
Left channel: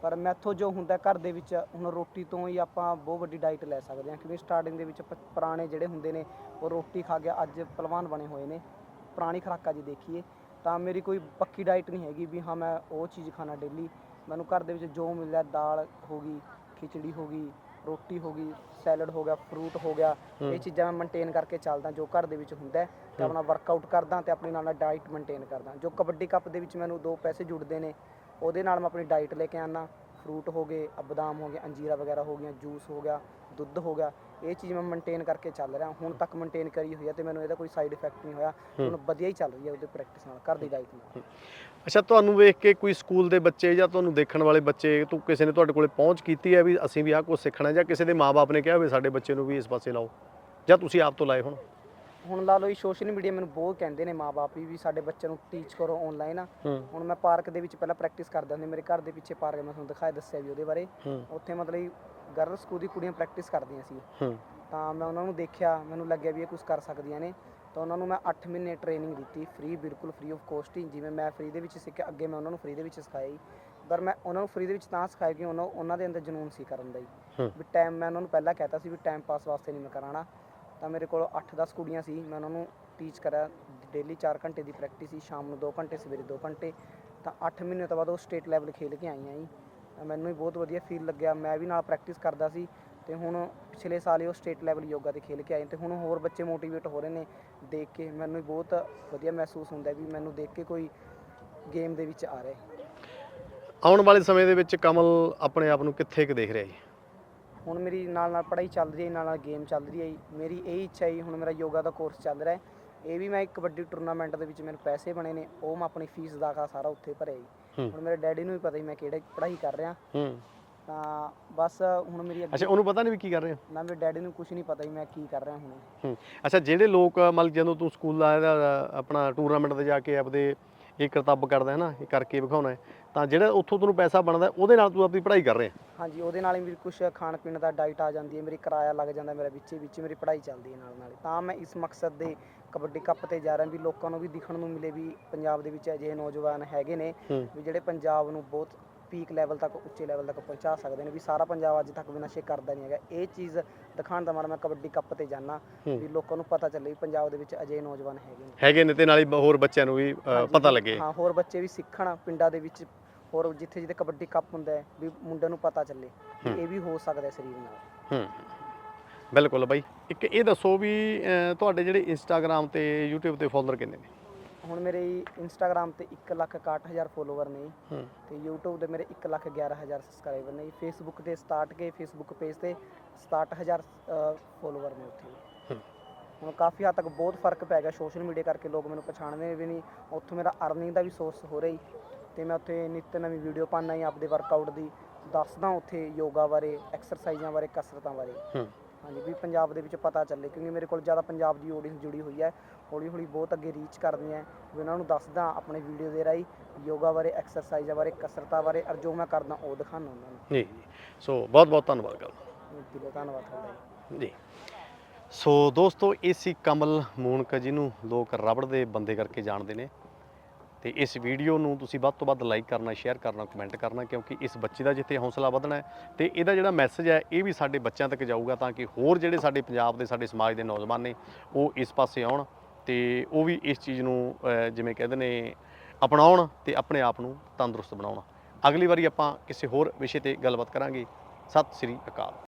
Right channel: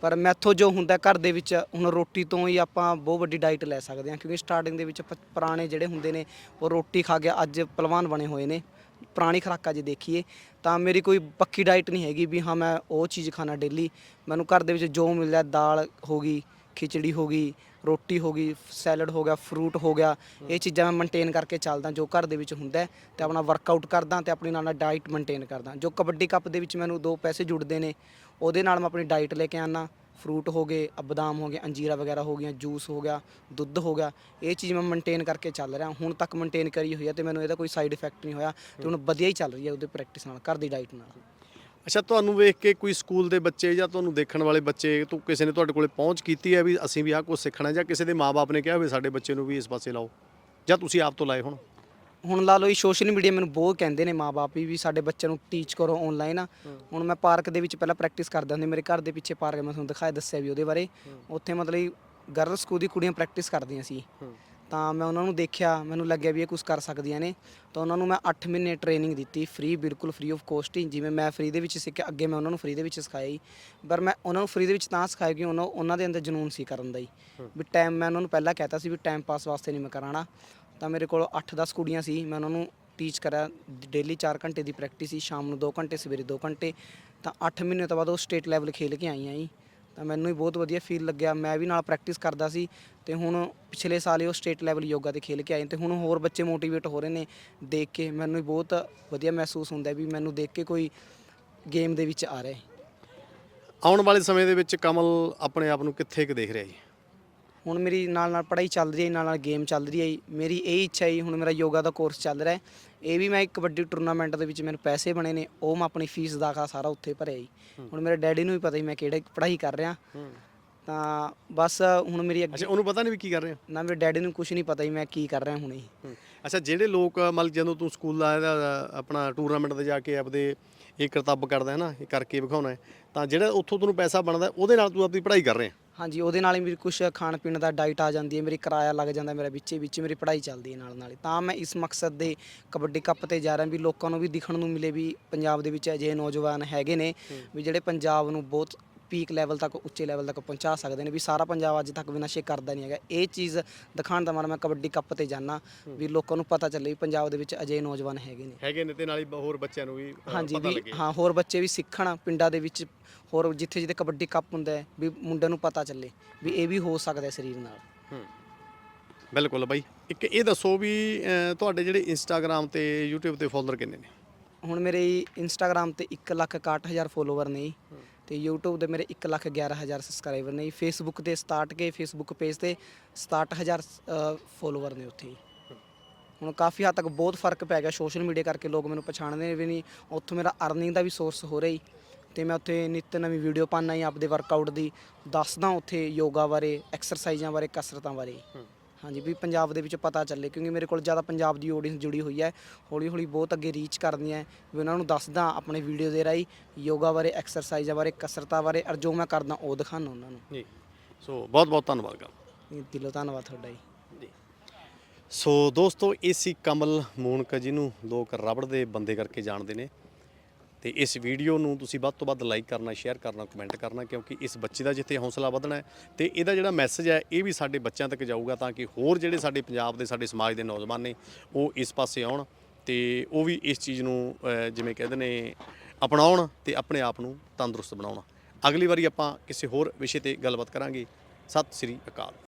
ਪਰ ਮੈਥੋਂ ਜੋ ਹੁੰਦਾ ਘਰ ਦੇ ਵਿੱਚ ਹੁਣ ਰੋਟੀ ਤੋਂ ਹੀ ਆਪਾਂ ਬਹੁਤ ਵੱਡੀ ਡਾਈਟ ਲੈ ਸਕਦੇ ਹਾਂ। ਕਿਉਂਕਿ ਸਟਾਰਟਿੰਗ ਦੇ ਵਿੱਚ ਪ- ਪੁਰਾਣੇ ਜਿਹੜੇ ਹੁੰਦੇ ਨੇ ਉਹ ਰੋਟੀ ਖਾ ਕੇ ਅੱਜ ਪਹਿਲਵਾਨ ਬਣੇ ਹੋਏ ਨੇ। ਪੁਰਾਣੀ ਖੁਰਾਕਾਂ ਜੇ ਦੇਖੀਏ ਤਾਂ ਮੇਰੀ ਕੋਈ ਪੱਕੀ ਡਾਈਟ ਨਹੀਂ ਹੈਗੀ ਵੀ ਹਾਂ ਮੈਂ ਉਹ ਚੀਜ਼ ਖਾਣਾ ਡੇਲੀ ਮੈਨੂੰ ਘਰ ਦੇ ਵਿੱਚ ਜੋ ਮਿਲਦਾ ਦਾਲ ਹੋ ਗਈ ਖਿਚੜੀ ਹੋ ਗਈ ਰੋਟੀ ਹੋ ਗਈ ਸੈਲਡ ਹੋ ਗਿਆ ਫਰੂਟ ਹੋ ਗਿਆ ਇਹ ਚੀਜ਼ਾਂ ਮੈਂ ਮੇਨਟੇਨ ਕਰਕੇ ਚੱਲਦਾ ਜੋ ਘਰ ਦੇ ਵਿੱਚ ਹੁੰਦਾ ਹੈ ਤੇ ਆਪਣਾ ਵਰਕਆਊਟ ਕਰਦਾ ਤੇ ਆਪਣੀ ਨਾਲ ਨਾਲ ਡਾਈਟ ਮੇਨਟੇਨ ਕਰਦਾ। ਜੋ ਕਬੱਡੀ ਕੱਪ ਦੇ ਵਿੱਚ ਮੈਨੂੰ ਦੋ ਪੈਸੇ ਜੁੜਦੇ ਨੇ ਉਹਦੇ ਨਾਲ ਮੈਂ ਆਪਣੀ ਡਾਈਟ ਲੈ ਕੇ ਆਨਾ ਫਰੂਟ ਹੋ ਗਏ ਅ ਬਦਾਮ ਹੋ ਗਏ ਅੰਜੀਰਾ ਵਗੈਰਾ ਹੋ ਗਈਆਂ ਜੂਸ ਹੋ ਗਿਆ ਦੁੱਧ ਹੋ ਗਿਆ ਇਹ ਚੀਜ਼ ਮੈਂ ਮੇਨਟੇਨ ਕਰਕੇ ਚੱਲ ਰਿਹਾ। ਹੁਣ ਤੱਕ ਮੇਨਟੇਨ ਕਰੀ ਹੋਈ ਹੈ ਤੇ ਮੈਨੂੰ ਇਹਦਾ ਕੋਈ ਸਾਈਡ ਇਫੈਕਟ ਨਹੀਂ ਹੋਇਆ ਤੇ ਹੁਣ ਵਧੀਆ ਹੀ ਚੱਲ ਰਹੀ ਹੈ ਉਹਦੀ ਪ੍ਰੈਕਟਿਸ ਨਾਲ ਘਰ ਦੀ ਡਾਈਟ ਨਾਲ। ਅੱਛਾ ਤੁਹਾਨੂੰ ਵੇਖ ਕੇ ਕੋਈ ਸਕੂਲ ਦੇ ਬੱਚੇ ਜਾਂ ਤੁਹਾਨੂੰ ਦੇਖਣ ਵਾਲੇ ਬੱਚੇ ਤੋਂ ਕਿਸੇ ਨੇ ਤੁਹਾਡੇ ਕੋਲੇ ਪਹੁੰਚ ਕੀਤੀ ਹੈ ਵੀ ਅਸੀਂ ਵੀ ਆਹ ਕੁਝ ਸਿੱਖਣਾ ਜਾਂ ਕਿਸੇ ਦੇ ਮਾਪੇ ਨੇ ਕਿਹਾ ਹੋਵੇ ਸਾਡੇ ਬੱਚੇ ਨੂੰ ਵੀ ਇਸ ਪਾਸੇ ਲਾਓ? ਜਾਂ ਤੁਸੀਂ ਆਪ ਤੋਂ ਲਾਏ ਹੁਣ? ਹੁਣ ਲਾ ਲਓ ਸੋਸ਼ਲ ਮੀਡੀਆ ਮੈਨੂੰ ਬਹੁਤ ਕਹਿੰਦੇ ਨੇ ਮਾਪੇ ਵੀ ਸਾਡੇ ਬੱਚਿਆਂ ਨੂੰ ਟੀਚ ਕਰੋ ਆਨਲਾਈਨ ਹੁਣ ਮੈਂ ਪਾਰਕ ਦੇ ਵਿੱਚ ਪਹਿਲਾਂ ਪ੍ਰੈਕਟਿਸ ਕਰਦਾ ਹੁੰਦਾ ਮੇਰੇ ਘਰ ਦੇ ਪਿੱਛੇ ਪਾਰਕ ਮੈਂ ਤੁਹਾਨੂੰ ਦਿਖਾਇਆ ਦੱਸਿਆ ਵੀ ਉਹਦੇ ਬਾਰੇ। ਉੱਥੇ ਮਤਲਬ ਗਰਲ ਸਕੂਲ ਦੀ ਕੁੜੀਆਂ ਪ੍ਰੈਕਟਿਸ ਕਰਦੀਆਂ ਸੀ। ਤਾਂ ਮੈਂ ਉਹਨਾਂ ਨੂੰ ਦੇਖਿਆ ਮੈਨੂੰ ਲੱਗਿਆ ਵੀ ਇਹ ਕੁਝ ਕਰ ਸਕਦੀਆਂ ਨੇ। ਤਾਂ ਉਹਨਾਂ ਨੂੰ ਮੈਂ 8 ਮਹੀਨੇ ਟ੍ਰੇਨਿੰਗ ਦਿੱਤੀ ਫ੍ਰੀ ਬਿਲਕੁਲ ਫ੍ਰੀ ਆਫ ਕੋਸਟ ਹੀ। ਜਿਵੇਂ ਮੈਂ ਫ੍ਰੀ ਦੇ ਵਿੱਚ ਸਿੱਖਿਆ ਅੱਗੇ ਮੈਂ ਉਹਨਾਂ ਨੂੰ ਫ੍ਰੀ ਦੇ ਵਿੱਚ ਸਿਖਾਇਆ ਹੀ। ਪਰ ਮੈਂ ਉਹਨਾਂ ਨੂੰ ਫ੍ਰੀ ਦੇ ਵਿੱਚ ਤਾਂ ਸਿਖਾਇਆ ਕਿ ਉਹਨਾਂ ਉਹਨਾਂ ਦੇ ਅੰਦਰ ਜਨੂਨ ਸੀ ਕਰਨ ਦਾ ਹੀ। ਹੂੰ। ਵੀ ਟਾਈਮ ਮੈਂ ਉਹਨਾਂ ਨੂੰ ਪਹਿਲਾਂ ਕਹਿਤਾ ਸੀ ਵੀ ਟਾਈਮ ਪਾਸ ਵਾਸਤੇ ਨਹੀਂ ਮੈਂ ਕਰਾਣਾ ਤਾਂ ਮੇਰੇ ਕੋਲ 8-10 ਕੁੜੀਆਂ ਸੀ। ਮੈਂ ਉਹਨਾਂ ਨੂੰ ਟੀਚ ਕਰਿਆ। ਡੇਲੀ 4 ਘੰਟੇ ਦੀ ਪ੍ਰੈਕਟਿਸ ਸੀ। ਸ਼ਾਮ ਨੂੰ 2 ਘੰਟੇ ਸਵੇਰੇ 2 ਘੰਟੇ। ਤਾਂ 8 ਮਹੀਨੇ ਤੋਂ ਬਾਅਦ ਉਹ ਸਟੇਟ ਲੈਵਲ ਖੇਲ ਕੇ ਆਈਆਂ ਜੀ ਤਾਂ ਮੈਨੂੰ ਵੀ ਬਹੁਤ ਵਧੀਆ ਫੀਲ ਲੱਗਿਆ। ਮੈਂ ਵੀ ਨਾਲ ਪ੍ਰੈਕਟਿਸ ਕਰਦਾ ਸੀ। ਤੇ ਹੁਣ ਪਿਛਲੇ ਸਾਲ ਹੀ ਉਹ ਸਟੇਟ ਲੈਵਲ ਯੋਗਾ ਤੇ ਖੇਲ ਕੇ ਆਏ ਤੇ ਹੁਣ ਹੋਰ ਬੱਚੇ ਮੋਟੀਵੇਟ ਹੋ ਰਹੇ ਨੇ ਦੇਖ ਕੇ ਮੈਨੂੰ ਵੀ ਬਹੁਤ ਵਧੀਆ ਮਹਿਸੂਸ ਹੁੰਦਾ ਵੀ ਮੈਨੂੰ ਦੇਖ ਕੇ ਕੋਈ ਗੇਮ ਦੇ ਵਿੱਚ ਆ ਰਿਹਾ ਹੈ। ਆਉਣ ਵਾਲੇ ਸਮੇਂ ਦੇ ਵਿੱਚ ਕਮਲ ਆਪਣੇ ਆਪ ਨੂੰ ਕਿੱਥੇ ਕੁ ਦੇਖ ਰਿਹਾ ਜੀ? ਹੁਣ ਮੇਰੀ ਨਾਲ ਨਾਲ ਪੜ੍ਹਾਈ ਚੱਲ ਰਹੀ ਹੈ ਨਾਲ ਨਾਲ ਗੇਮ ਚੱਲ ਰਹੀ ਹੈ। ਮੇਰੀ ਇਹ ਇੱਛਾ ਹੈ ਹੁਣ ਮੇਰਾ ਯੋਗਾ ਦਾ ਕੋਰਸ ਚੱਲ ਰਿਹਾ ਹੈ। ਇਹ ਵੀ ਮੈਂ ਇੱਕ ਵੱਡੀ ਟੂਰਨਾਮੈਂਟ ਦੇ ਵਿੱਚ ਮੈਨੂੰ ਪੈਸੇ ਬਣੇ ਨੇ ਉਹ ਮੈਂ ਆਪਣੀ ਫੀਸ ਦਾ ਸਾਰਾ ਉੱਥੇ ਭਰਿਆ ਜੀ। ਹੂੰ। ਹੁਣ ਮੇਰੇ ਡੈਡੀ ਨੂੰ ਵੀ ਪਤਾ ਹੀ ਮੈਂ ਕਿਹੜੇ ਪੜ੍ਹਾਈ ਕਰ ਰਿਹਾ। ਹੂੰ। ਤਾਂ ਬਸ ਹੁਣ ਮੇਰੀ ਅੱਗੇ ਅੱਛਾ ਉਹਨੂੰ ਪਤਾ ਨਹੀਂ ਵੀ ਕੀ ਕਰ ਰਹੇ ਹੋ ਨਾ ਮੇਰੇ ਡੈਡੀ ਨੂੰ ਕੁਝ ਨਹੀਂ ਪਤਾ ਹੀ ਮੈਂ ਕੀ ਕਰ ਰਿਹਾ ਹੁਣੇ ਹੂੰ ਅੱਛਾ ਜਿਹੜੇ ਲੋਕ ਮਤਲਬ ਜਦੋਂ ਤੂੰ ਸਕੂਲ ਆਇਆ ਆਪਣਾ ਟੂਰਨਾਮੈਂਟ ਤੇ ਜਾ ਕੇ ਆਪਦੇ ਇਹ ਕਰਤੱਵ ਕਰਦਾ ਹੈ ਨਾ ਇਹ ਕਰਕੇ ਵਿਖਾਉਣਾ ਹੈ ਤਾਂ ਜਿਹੜਾ ਉੱਥੋਂ ਤੈਨੂੰ ਪੈਸਾ ਬਣਦਾ ਉਹਦੇ ਨਾਲ ਤੂੰ ਆਪਣੀ ਪੜ੍ਹਾਈ ਕਰ ਰਿਹਾ ਹਾਂਜੀ ਉਹਦੇ ਨਾਲ ਹੀ ਮੇਰੀ ਕੁਝ ਖਾਣ ਪੀਣ ਦਾ ਡਾਈਟ ਆ ਜਾਂਦੀ ਹੈ ਮੇਰੀ ਕਿਰਾਇਆ ਲੱਗ ਜਾਂਦਾ ਮੇਰਾ ਵਿੱਚੇ ਵਿੱਚ ਮੇਰੀ ਪੜ੍ਹਾਈ ਚੱਲਦੀ ਹੈ ਨਾਲ ਨਾਲ ਹੀ। ਤਾਂ ਮੈਂ ਇਸ ਮਕਸਦ ਦੇ ਕਬੱਡੀ ਕੱਪ ਤੇ ਜਾ ਰਿਹਾ ਵੀ ਲੋਕਾਂ ਨੂੰ ਵੀ ਦਿਖਣ ਨੂੰ ਮਿਲੇ ਵੀ ਪੰਜਾਬ ਦੇ ਵਿੱਚ ਅਜਿਹੇ ਨੌਜਵਾਨ ਹੈਗੇ ਨੇ ਹੂੰ। ਵੀ ਜਿਹੜੇ ਪੰਜਾਬ ਨੂੰ ਬਹੁਤ ਪੀਕ ਲੈਵਲ ਤੱਕ ਉੱਚੇ ਲੈਵਲ ਤੱਕ ਪਹੁੰਚਾ ਸਕਦੇ ਨੇ। ਵੀ ਸਾਰਾ ਪੰਜਾਬ ਅੱਜ ਤੱਕ ਵੀ ਨਸ਼ੇ ਕਰਦਾ ਨਹੀਂ ਹੈਗਾ। ਇਹ ਚੀਜ਼ ਦਿਖਾਉਣ ਦਾ ਮਨ ਮੈਂ ਕਬੱਡੀ ਕੱਪ ਤੇ ਜਾਣਾ ਵੀ ਲੋਕਾਂ ਨੂੰ ਪਤਾ ਚੱਲੇ ਵੀ ਪੰਜਾਬ ਦੇ ਵਿੱਚ ਅਜਿਹੇ ਨੌਜਵਾਨ ਹੈਗੇ ਨੇ। ਹੈਗੇ ਨੇ ਤੇ ਨਾਲ ਹੀ ਹੋਰ ਬੱਚਿਆਂ ਨੂੰ ਵੀ ਹਾਂਜੀ, ਪਤਾ ਵੀ- ਲੱਗੇ। ਹਾਂ ਹੋਰ ਬੱਚੇ ਵੀ ਸਿੱਖਣ ਪਿੰਡਾਂ ਦੇ ਵਿੱਚ ਹੋਰ ਜਿੱਥੇ ਜਿੱਥੇ ਕਬੱਡੀ ਕੱਪ ਹੁੰਦਾ ਹੈ ਵੀ ਮੁੰਡਿਆਂ ਨੂੰ ਪਤਾ ਚੱਲੇ। ਵੀ ਇਹ ਵੀ ਹੋ ਸਕਦਾ ਹੈ ਸਰੀਰ ਨਾਲ। ਹੂੰ। ਬਿਲਕੁਲ ਬਾਈ। ਇੱਕ ਇਹ ਦੱਸੋ ਵੀ ਤੁਹਾਡੇ ਜਿਹੜੇ ਇੰਸਟਾਗ੍ਰam ਤੇ YouTube ਤੇ ਫੋਲੋਅਰ ਕਿੰਨੇ ਨੇ? ਹੁਣ ਮੇਰੇ ਇੰਸਟਾਗ੍ਰam ਤੇ 161000 ਫੋਲੋਵਰ ਨੇ ਜੀ, ਤੇ YouTube ਤੇ ਮੇਰੇ 111000 ਸਬਸਕ੍ਰਾਈਬਰ ਨੇ ਜੀ, Facebook ਤੇ 67 ਕੇ Facebook ਪੇਜ ਤੇ 67000 ਫੋਲੋਵਰ ਨੇ ਉੱਥੇ ਜੀ। ਹੂੰ। ਹੁਣ ਕਾਫੀ ਹੱਦ ਤੱਕ ਬਹੁਤ ਫ਼ਰਕ ਪੈ ਗਿਆ ਸੋਸ਼ਲ ਮੀਡੀਆ ਕਰਕੇ ਲੋਕ ਮੈਨੂੰ ਪਛਾਣਦੇ ਵੀ ਨਹੀਂ। ਉੱਥੋਂ ਮੇਰਾ ਅਰਨਿੰਗ ਦਾ ਵੀ ਸੋਰਸ ਹੋ ਰਿਹਾ ਜੀ। ਤੇ ਮੈਂ ਉੱਥੇ ਨਿੱਤ ਨਵੀਂ ਵੀਡੀਓ ਪਾਉਂਦਾ ਜੀ ਆਪਦੇ ਵਰਕਆਊਟ ਦੀ। ਦੱਸਦਾ ਉੱਥੇ ਯੋਗਾ ਬਾਰੇ ਐਕਸਰਸਾਈਜ਼ਾਂ ਬਾਰੇ ਕਸਰਤਾਂ ਬਾਰੇ। ਹੂੰ। ਹਾਂਜੀ ਵੀ ਪੰਜਾਬ ਦੇ ਵਿੱਚ ਪਤਾ ਚੱਲੇ ਕਿਉਂਕਿ ਮੇਰੇ ਕੋਲ ਜ਼ਿਆਦਾ ਪੰਜਾਬ ਦੀ ਆਡੀਅנס ਜੁੜੀ ਹੋਈ ਹੈ ਹੌਲੀ ਹੌਲੀ ਬਹੁਤ ਅੱਗੇ ਰੀਚ ਕਰਦੀ ਹੈ ਵੀ ਉਹਨਾਂ ਨੂੰ ਦੱਸਦਾ ਆਪਣੇ ਵੀਡੀਓ ਦੇ ਰਾਹੀਂ ਯੋਗਾ ਬਾਰੇ ਐਕਸਰਸਾਈਜ਼ਾਂ ਬਾਰੇ ਕਸਰਤਾਂ ਬਾਰੇ ਔਰ ਜੋ ਮੈਂ ਕਰਦਾ ਉਹ ਦਿਖਾਉਂਦਾ ਉਹਨਾਂ ਨੂੰ। ਜੀ ਸੋ ਬਹੁਤ ਬਹੁਤ ਧੰਨਵਾਦ ਗੱਲ। ਦਿਲੋਂ ਧੰਨਵਾਦ ਤੁਹਾਡਾ ਜੀ। ਜੀ। ਸੋ ਦੋਸਤੋ ਇਹ ਸੀ ਕਮਲ ਮੂਨਕ ਜਿਹਨੂੰ ਲੋਕ ਰਬੜ ਦੇ ਬੰਦੇ ਕਰਕੇ ਜਾਣਦੇ ਨੇ। ਤੇ ਇਸ ਵੀਡੀਓ ਨੂੰ ਤੁਸੀਂ ਵੱਧ ਤੋਂ ਵੱਧ ਲਾਈਕ ਕਰਨਾ ਸ਼ੇਅਰ ਕਰਨਾ ਕਮੈਂਟ ਕਰਨਾ, ਕਿਉਂਕਿ ਇਸ ਬੱਚੇ ਦਾ ਜਿੱਥੇ ਹੌਸਲਾ ਵਧਣਾ ਹੈ ਤੇ ਇਹਦਾ ਜਿਹੜਾ ਮੈਸੇਜ ਹੈ, ਇਹ ਵੀ ਸਾਡੇ ਬੱਚਿਆਂ ਤੱਕ ਜਾਊਗਾ ਤਾਂ ਕਿ ਹੋਰ ਜਿਹੜੇ ਸਾਡੇ ਪੰਜਾਬ ਦੇ, ਸਾਡੇ ਸਮਾਜ ਦੇ ਨੌਜਵਾਨ ਨੇ, ਉਹ ਇਸ ਪਾਸੇ ਆਉਣ ਤੇ ਉਹ ਵੀ ਇਸ ਚੀਜ਼ ਨੂੰ ਜਿਵੇਂ ਕਹਿੰਦੇ ਨੇ, ਅਪਣਾਉਣ ਤੇ ਆਪਣੇ ਆਪ ਨੂੰ ਤੰਦਰੁਸਤ ਬਣਾਉਣ। ਅਗਲੀ ਵਾਰੀ ਆਪਾਂ ਕਿਸੇ ਹੋਰ ਵਿਸ਼ੇ ਤੇ ਗੱਲਬਾਤ ਕਰਾਂਗੇ। ਸਤਿ ਸ੍ਰੀ ਅਕਾਲ।